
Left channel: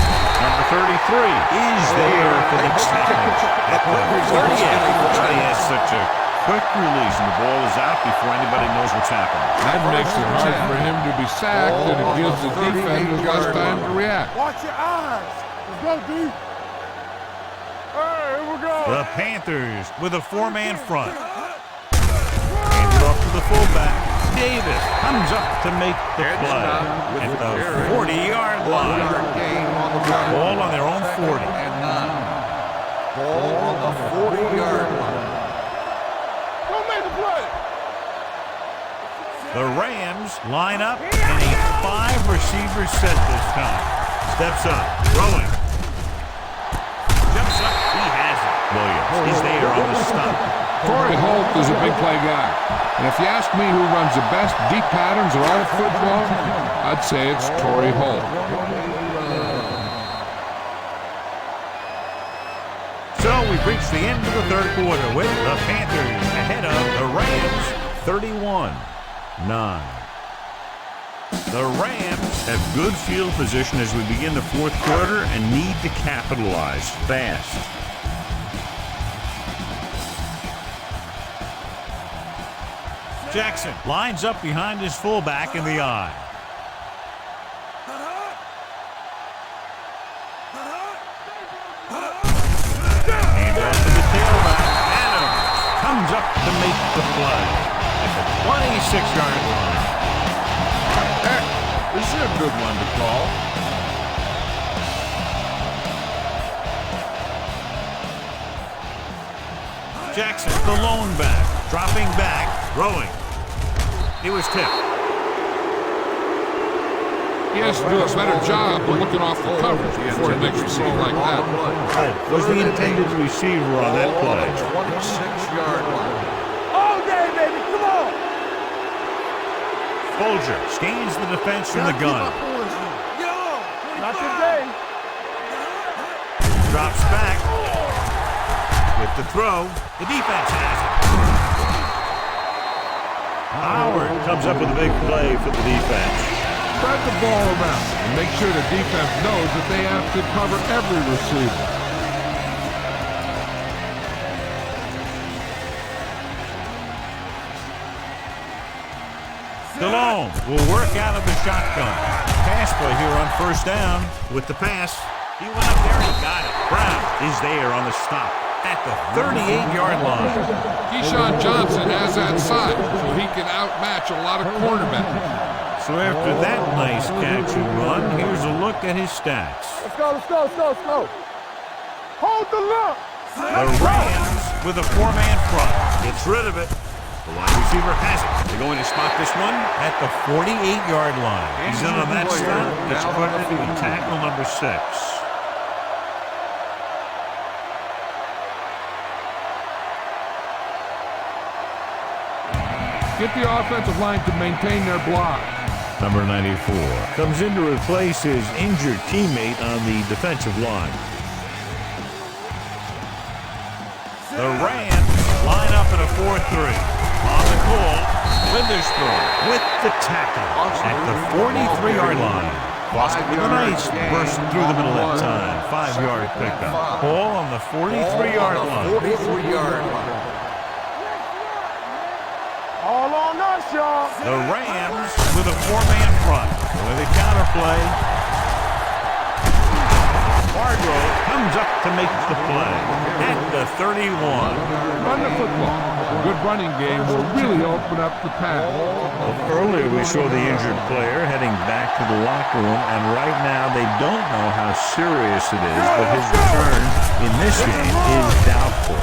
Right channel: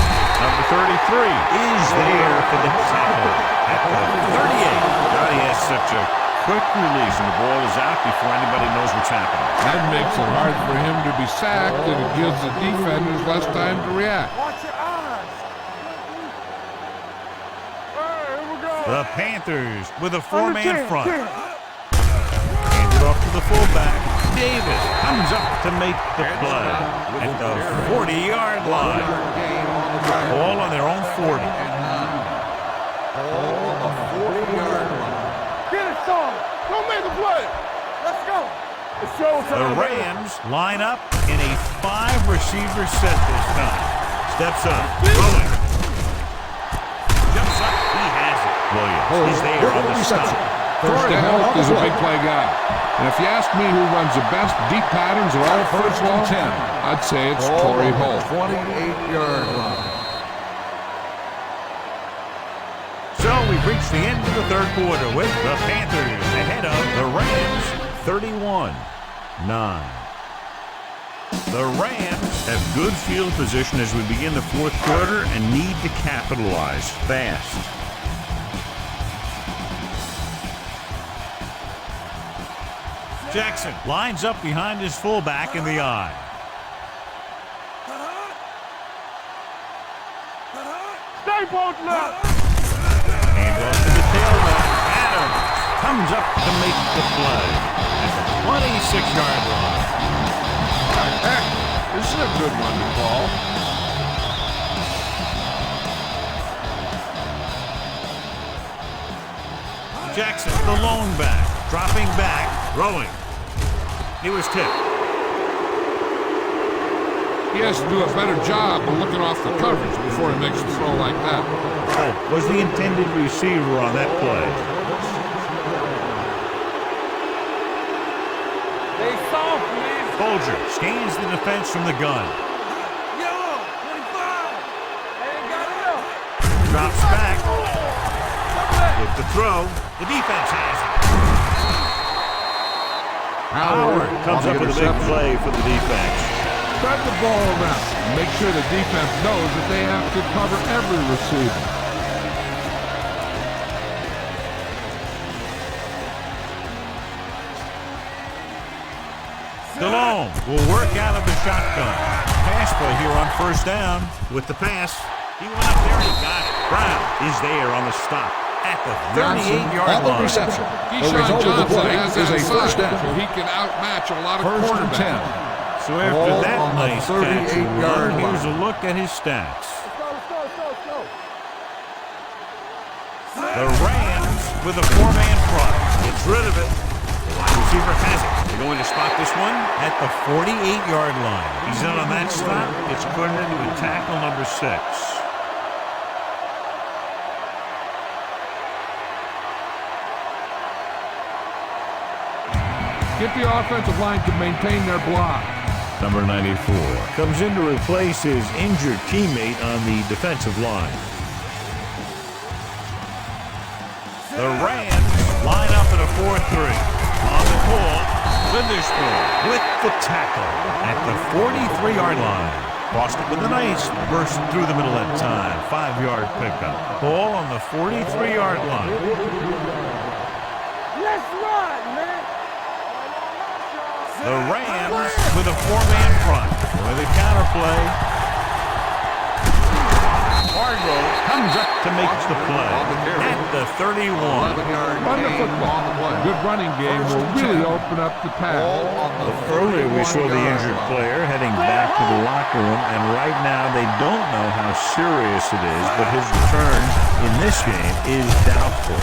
number 33 is there for the tackle at the 38. God, he has such a quick release, and the ball is out before anybody knows what's happening. That makes it hard for him to be sacked, and it gives the defenders less time to react. Watch your eyes. Let's go, D. Hey, here we go. The Panthers with a four-man front. Hands it off to the fullback. Davis comes up to make the play at the 40-yard line. Ball on their own 40. And 9. Ball on the 40-yard line. Get it started. Don't make the play. Let's go. The Rams line up in a 5-receiver set this time. Steps up, throwing. Jumps up, he has it. Williams is there on the stop. Torrey Holt is a big play guy. And if you ask me who runs the best deep patterns in all of football, I'd say it's Torrey Holt. 28-yard line. So we've reached the end of the third quarter with the Panthers ahead of the Rams 31-9. The Rams have good field position as we begin the fourth quarter and need to capitalize fast. Jackson lines up behind his fullback in the eye. Hand off to the tailback. Adams comes up to make the play at the 26-yard line. Heck, this is a good one to call. Jackson, the lone back, dropping back, throwing. He was tipped. He has to do a better job of looking off the coverage before he makes a throw like that. Oh, was the intended receiver on that play. 26-yard line. All day, baby. Come on. Folger scans the defense from the gun. Yellow. 25. Drops back. With the throw, the defense has it. Howard comes up with a big play for the defense. Spread the ball around and make sure the defense knows that they have to cover every receiver. Stallone will work out of the shotgun. Pass play here on first down with the pass. He went up there and he got it. Brown is there on the stop at the 38-yard line. Keyshawn Johnson has that size, so he can outmatch a lot of cornerbacks. So after that nice catch and run, here's a look at his stats. Let's go, let's go, let's go, let's go. Hold the look. The Rams with a four-man front. Gets rid of it. The wide receiver has it. They're going to spot this one at the 48-yard line. He's in on that stop. Gets credited with tackle number 6. Get the offensive line to maintain their block. Number 94 comes in to replace his injured teammate on the defensive line. The Rams line up in a 4-3. On the call, Witherspoon with the tackle at the 43-yard line. Boston with a nice burst through the middle that time. 5-yard pickup. Ball on the 43-yard line. 43-yard line. Let's run, man. All on us, y'all. The Rams with a four-man front. With a counterplay. Hargrove comes up to make the play at the 31. Run the football. A good running game will really open up the pass. Well, earlier we saw the injured player heading back to the locker room, and right now they don't know how serious it is, but his return in this game is doubtful.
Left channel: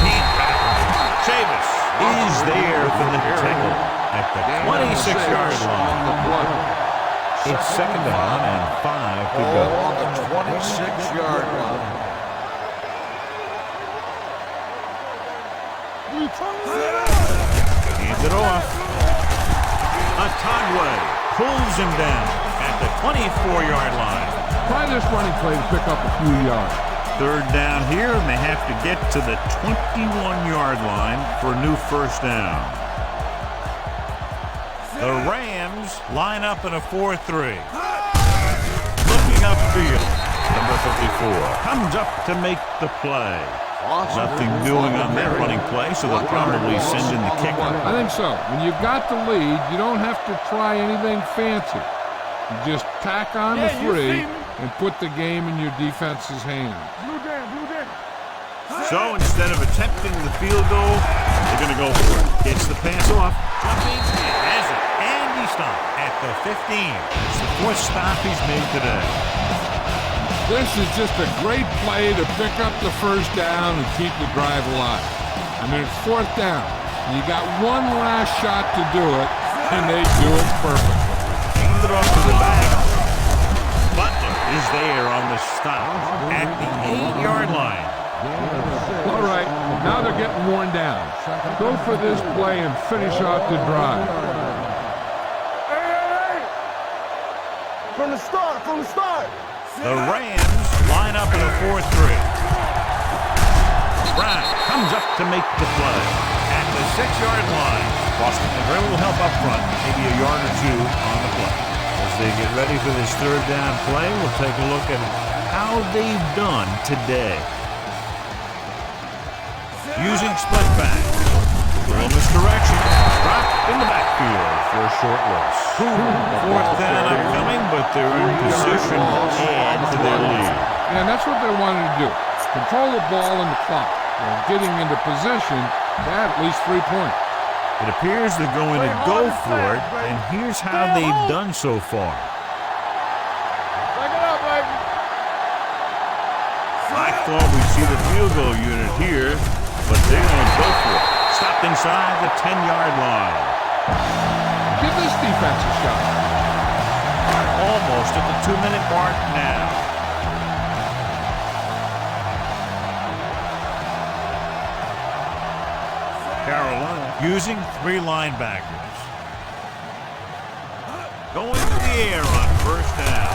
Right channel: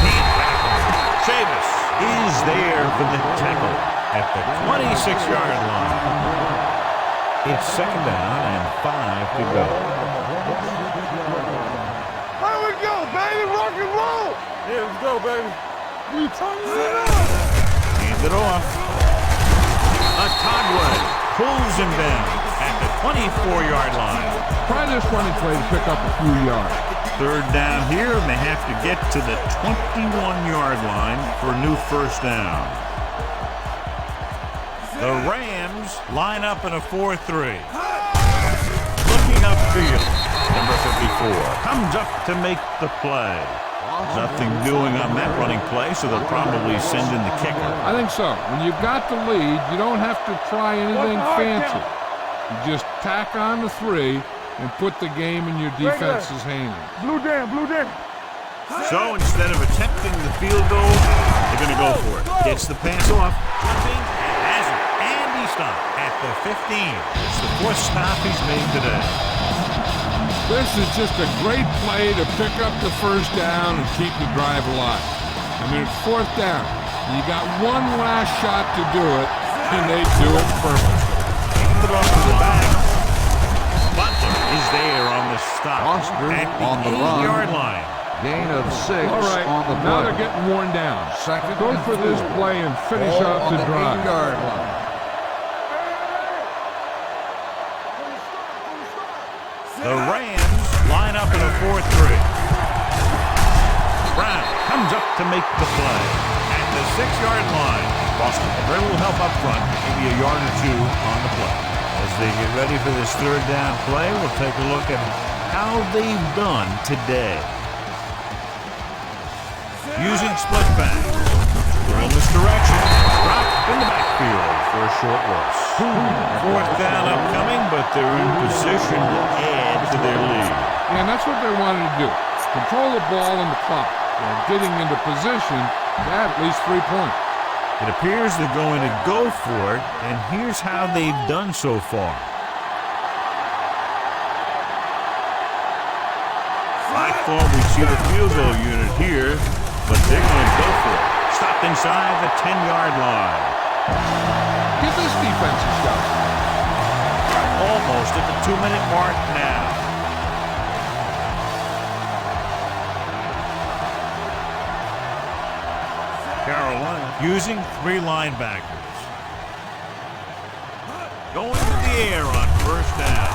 Can't wrap him. Chavis is there for the tackle at the 26-yard line. It's second down and 5 to go. 26-yard line. Here we go, baby. Rock and roll. Here we go, baby. We turning it up. Hands it off. Atagwe pulls him down at the 24-yard line. Try this running play to pick up a few yards. Third down here, and they have to get to the 21-yard line for a new first down. The Rams line up in a 4-3. Looking upfield. Number 54 comes up to make the play. Nothing doing on that running play, so they'll probably send in the kicker. I think so. When you've got the lead, you don't have to try anything fancy. You just tack on the 3 and put the game in your defense's hands. Blue down, blue down. So instead of attempting the field goal, they're going to go for it. Gets the pass off, jumping, and has it. And he stopped at the 15. That's the 4th stop he's made today. This is just a great play to pick up the first down and keep the drive alive. I mean, it's 4th down. You got one last shot to do it, and they do it perfectly. Hand it off to the back. Butler is there on the stop at the 8-yard line. Gain of 6. All right, now they're getting worn down. Go for this play and finish off the drive. Hey! From the start. The Rams line up in a 4-3. Brown comes up to make the play at the 6-yard line. Boston had very little help up front, maybe a yard or 2 on the play. As they get ready for this 3rd down play, we'll take a look at how they've done today. Using split back. Little misdirection. Dropped in the backfield for a short loss. 4th down upcoming, but they're in position to add to their lead. Yeah, and that's what they wanted to do. Control the ball and the clock. While getting into position to add at least 3 points. It appears they're going to go for it, and here's how they've done so far. I thought we'd see the field goal unit here, but they're going to go for it. Stopped inside the 10-yard line. Give this defense a shot. Almost at the 2-minute mark now. Carolina using 3 linebackers. Going to the air on 1st down.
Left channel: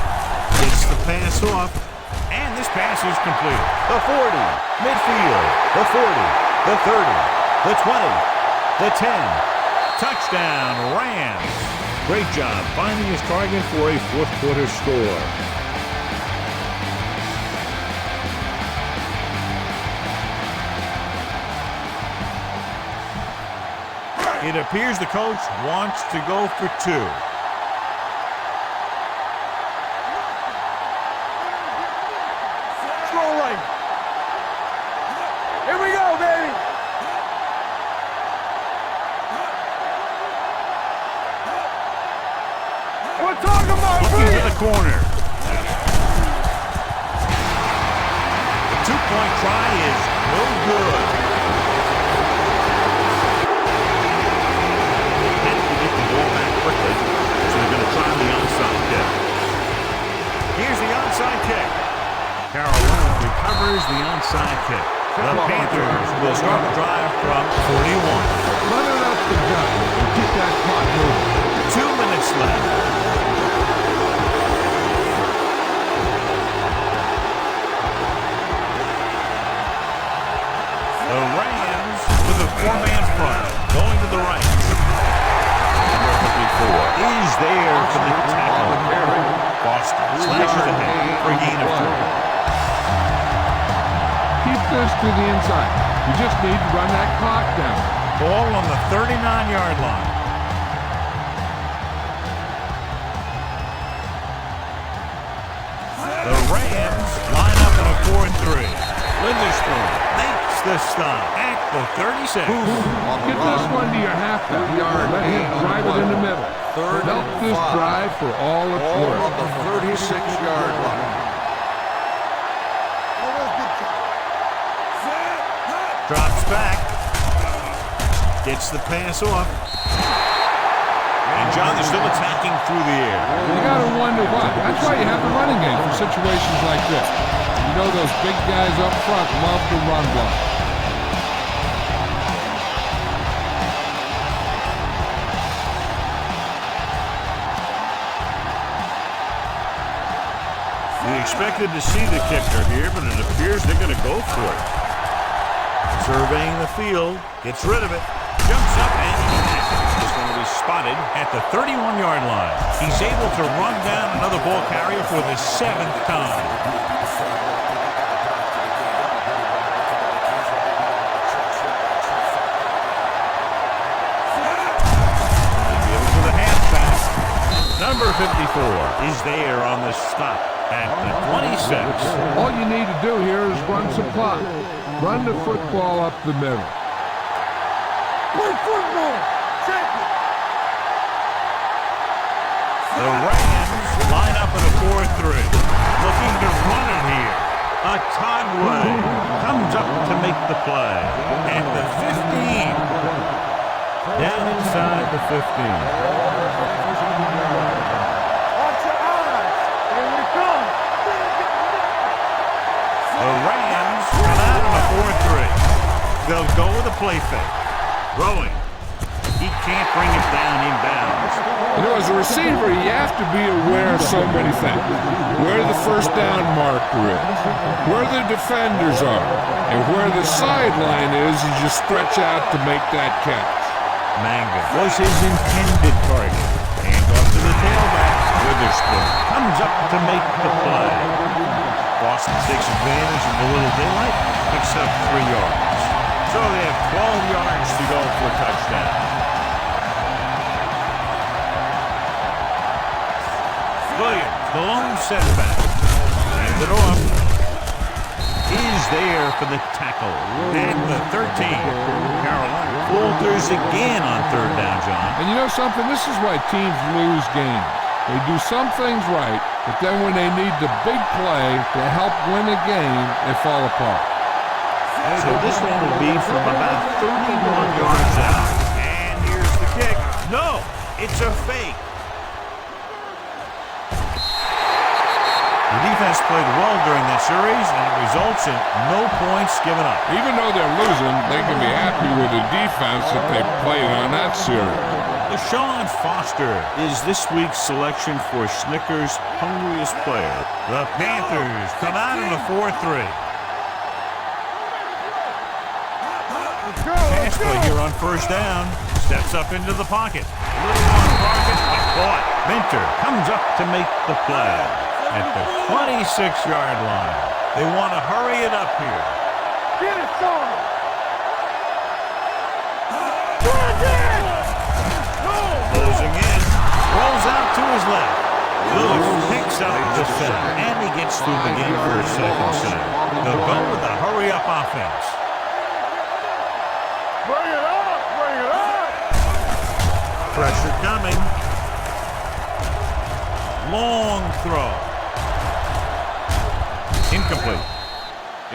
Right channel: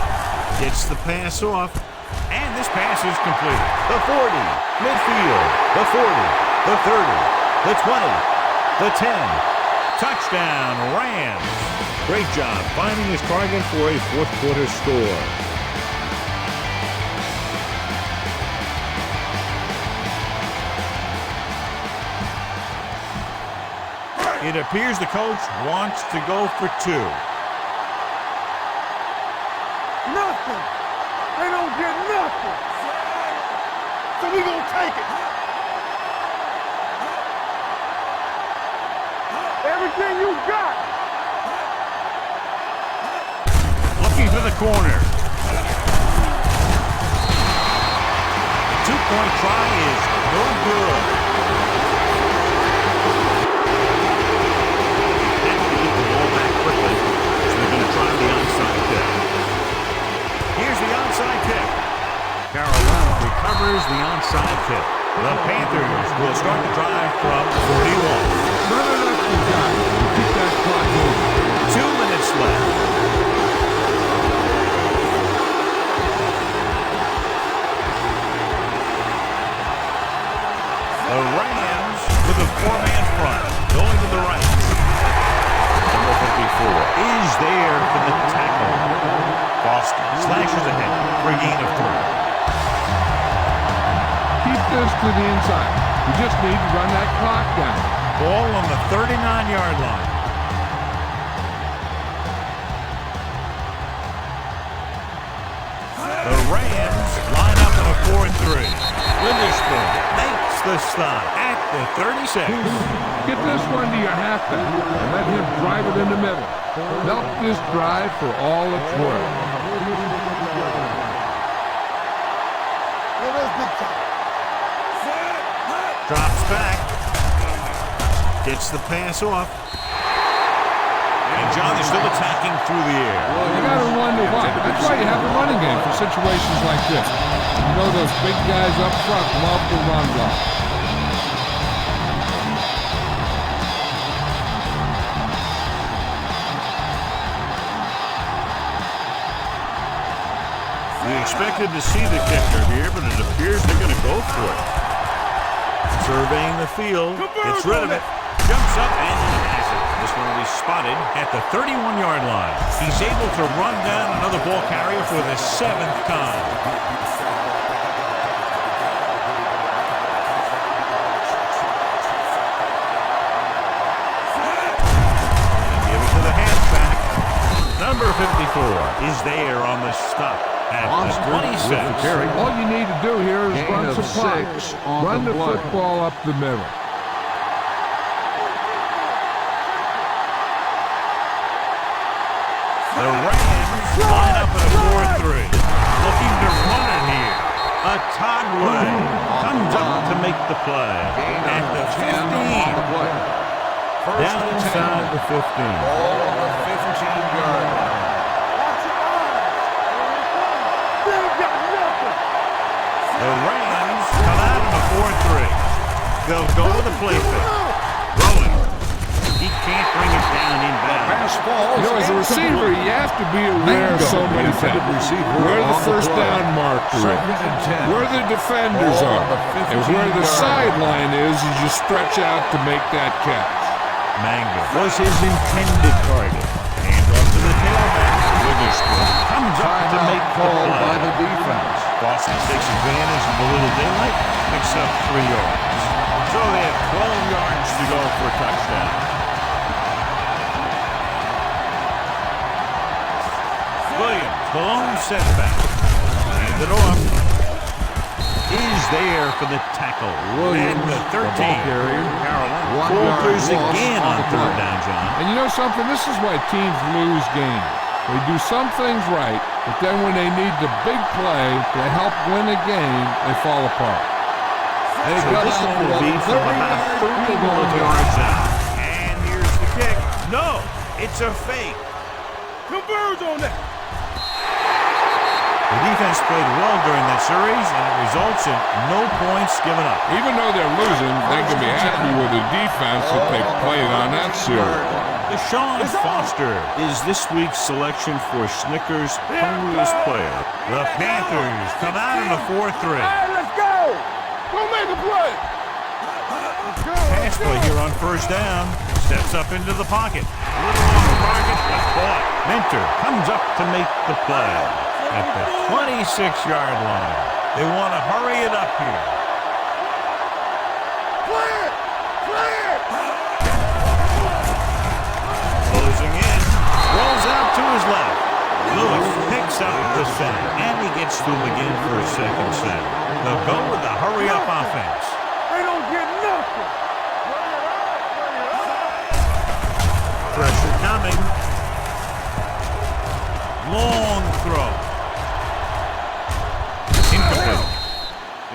Gets the pass off, and this pass is completed. The 40, midfield, the 40, the 30, the 20, the 10. Touchdown, Rams. Great job finding his target for a 4th quarter score. It appears the coach wants to go for 2. Nothing. They don't get nothing. Throw away. So we gonna take it. Here we go, baby. Everything you got. We're talking about. Looking to the corner. The 2-point try is no good. Get the ball back quickly, so they're going to try the onside kick. Here's the onside kick. Carolina recovers the onside kick. The Panthers will start the drive from 41. Run it up the gut and keep that clock moving. 2 minutes left. The Rams with a 4-man front, going to the right. Number 54 is there for the tackle. Boston slashes ahead for a gain of 3. Keep this to the inside. We just need to run that clock down. Ball on the 39-yard line. The Rams line up in a 4-3. Witherspoon makes the stop at the 36. Get this one to your halfback and let him drive it in the middle. Milk this drive for all it's worth. 36-yard line. Drops back. Gets the pass off. And John, they're still attacking through the air. You got to wonder why. That's why you have the running game for situations like this. And you know those big guys up front love to run block. We expected to see the kicker here, but it appears they're going to go for it. Surveying the field, gets rid of it, jumps up, and he has it. This one will be spotted at the 31-yard line. He's able to run down another ball carrier for the 7th time. They give it to the halfback. Number 54 is there on the stop at the 26. All you need to do here is run some clock. Run the football up the middle. The Rams line up in a 4-3, looking to run it here. A Togway comes up to make the play at the 15. Down inside the 15. Ball on the 15-yard line. Watch your eyes. Here we come. They ain't got nothing. The Rams come out in a 4-3. They'll go with a play fake. Rolling. He can't bring it down inbounds. You know, as a receiver, you have to be aware of so many things. Where the first down marker is, where the defenders are, and where the sideline is as you stretch out to make that catch. Manga was his intended target. Hand off to the tailback. Witherspoon comes up to make the play. Boston takes advantage of the little daylight, picks up 3 yards. So they have 12 yards to go for a touchdown. Williams, the lone setback. Hand it off. Is there for the tackle. At the 13. Carolina falters again on 3rd down, John. And you know something? This is why teams lose games. They do some things right, but then when they need the big play to help win a game, they fall apart. So this one will be from about 31 yards out. And here's the kick. No, it's a fake. Converge on that. The defense played well during that series, and it results in no points given up. Even though they're losing, they can be happy with the defense that they played on that series. Deshaun Foster is this week's selection for Snickers' hungriest player. The Panthers come out in a 4-3. Let's go. We'll make the play. Let's go. Pass play here on 1st down. Steps up into the pocket. A little on target, but caught. Minter comes up to make the play at the 26-yard line. They want to hurry it up here. Get it, son. Play it. Closing in. Rolls out to his left. Lewis picks up the sack, and he gets to him again for a 2nd sack. They'll go with a hurry-up offense. They don't get nothing. Bring it up. Bring it up. Pressure coming. Long throw. Incomplete.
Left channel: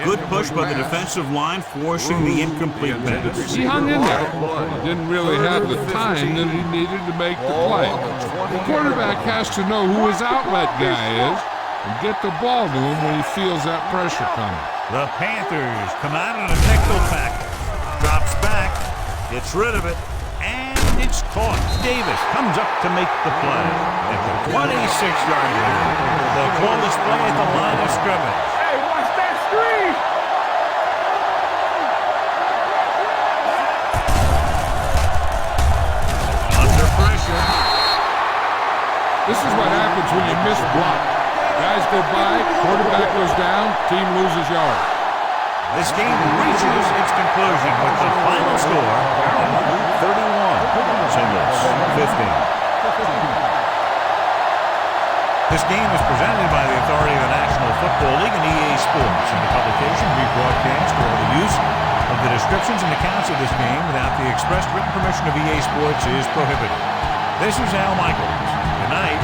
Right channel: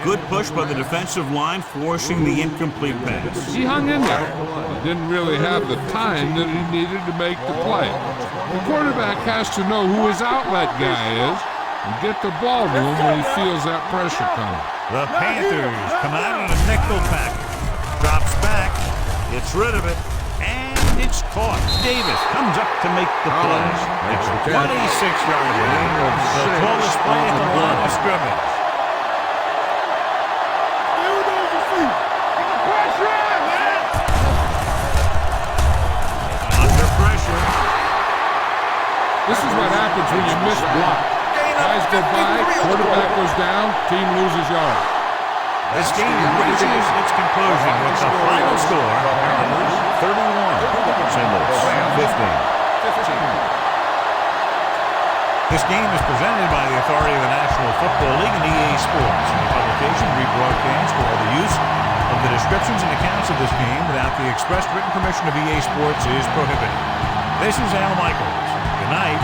Good push by the defensive line, forcing the incomplete pass. He hung in there. He didn't really have the time that he needed to make the play. The quarterback has to know who his outlet guy is and get the ball to him when he feels that pressure coming. The Panthers come out in a nickel package. Drops back, gets rid of it, and it's caught. Davis comes up to make the play at the 26-yard line. They'll call this play at the line of scrimmage. Hey, watch that screen. You know the feet. Get the pressure out, man. Under pressure. This is what happens when you miss block. Guys go by, quarterback goes down, team loses yards. This game reaches its conclusion with the final score, Carolina 31, St. Louis 15. This game is presented by the authority of the National Football League and EA Sports. Any publication, rebroadcast, or other use of the descriptions and accounts of this game without the expressed written permission of EA Sports is prohibited. This is Al Michaels. Good night.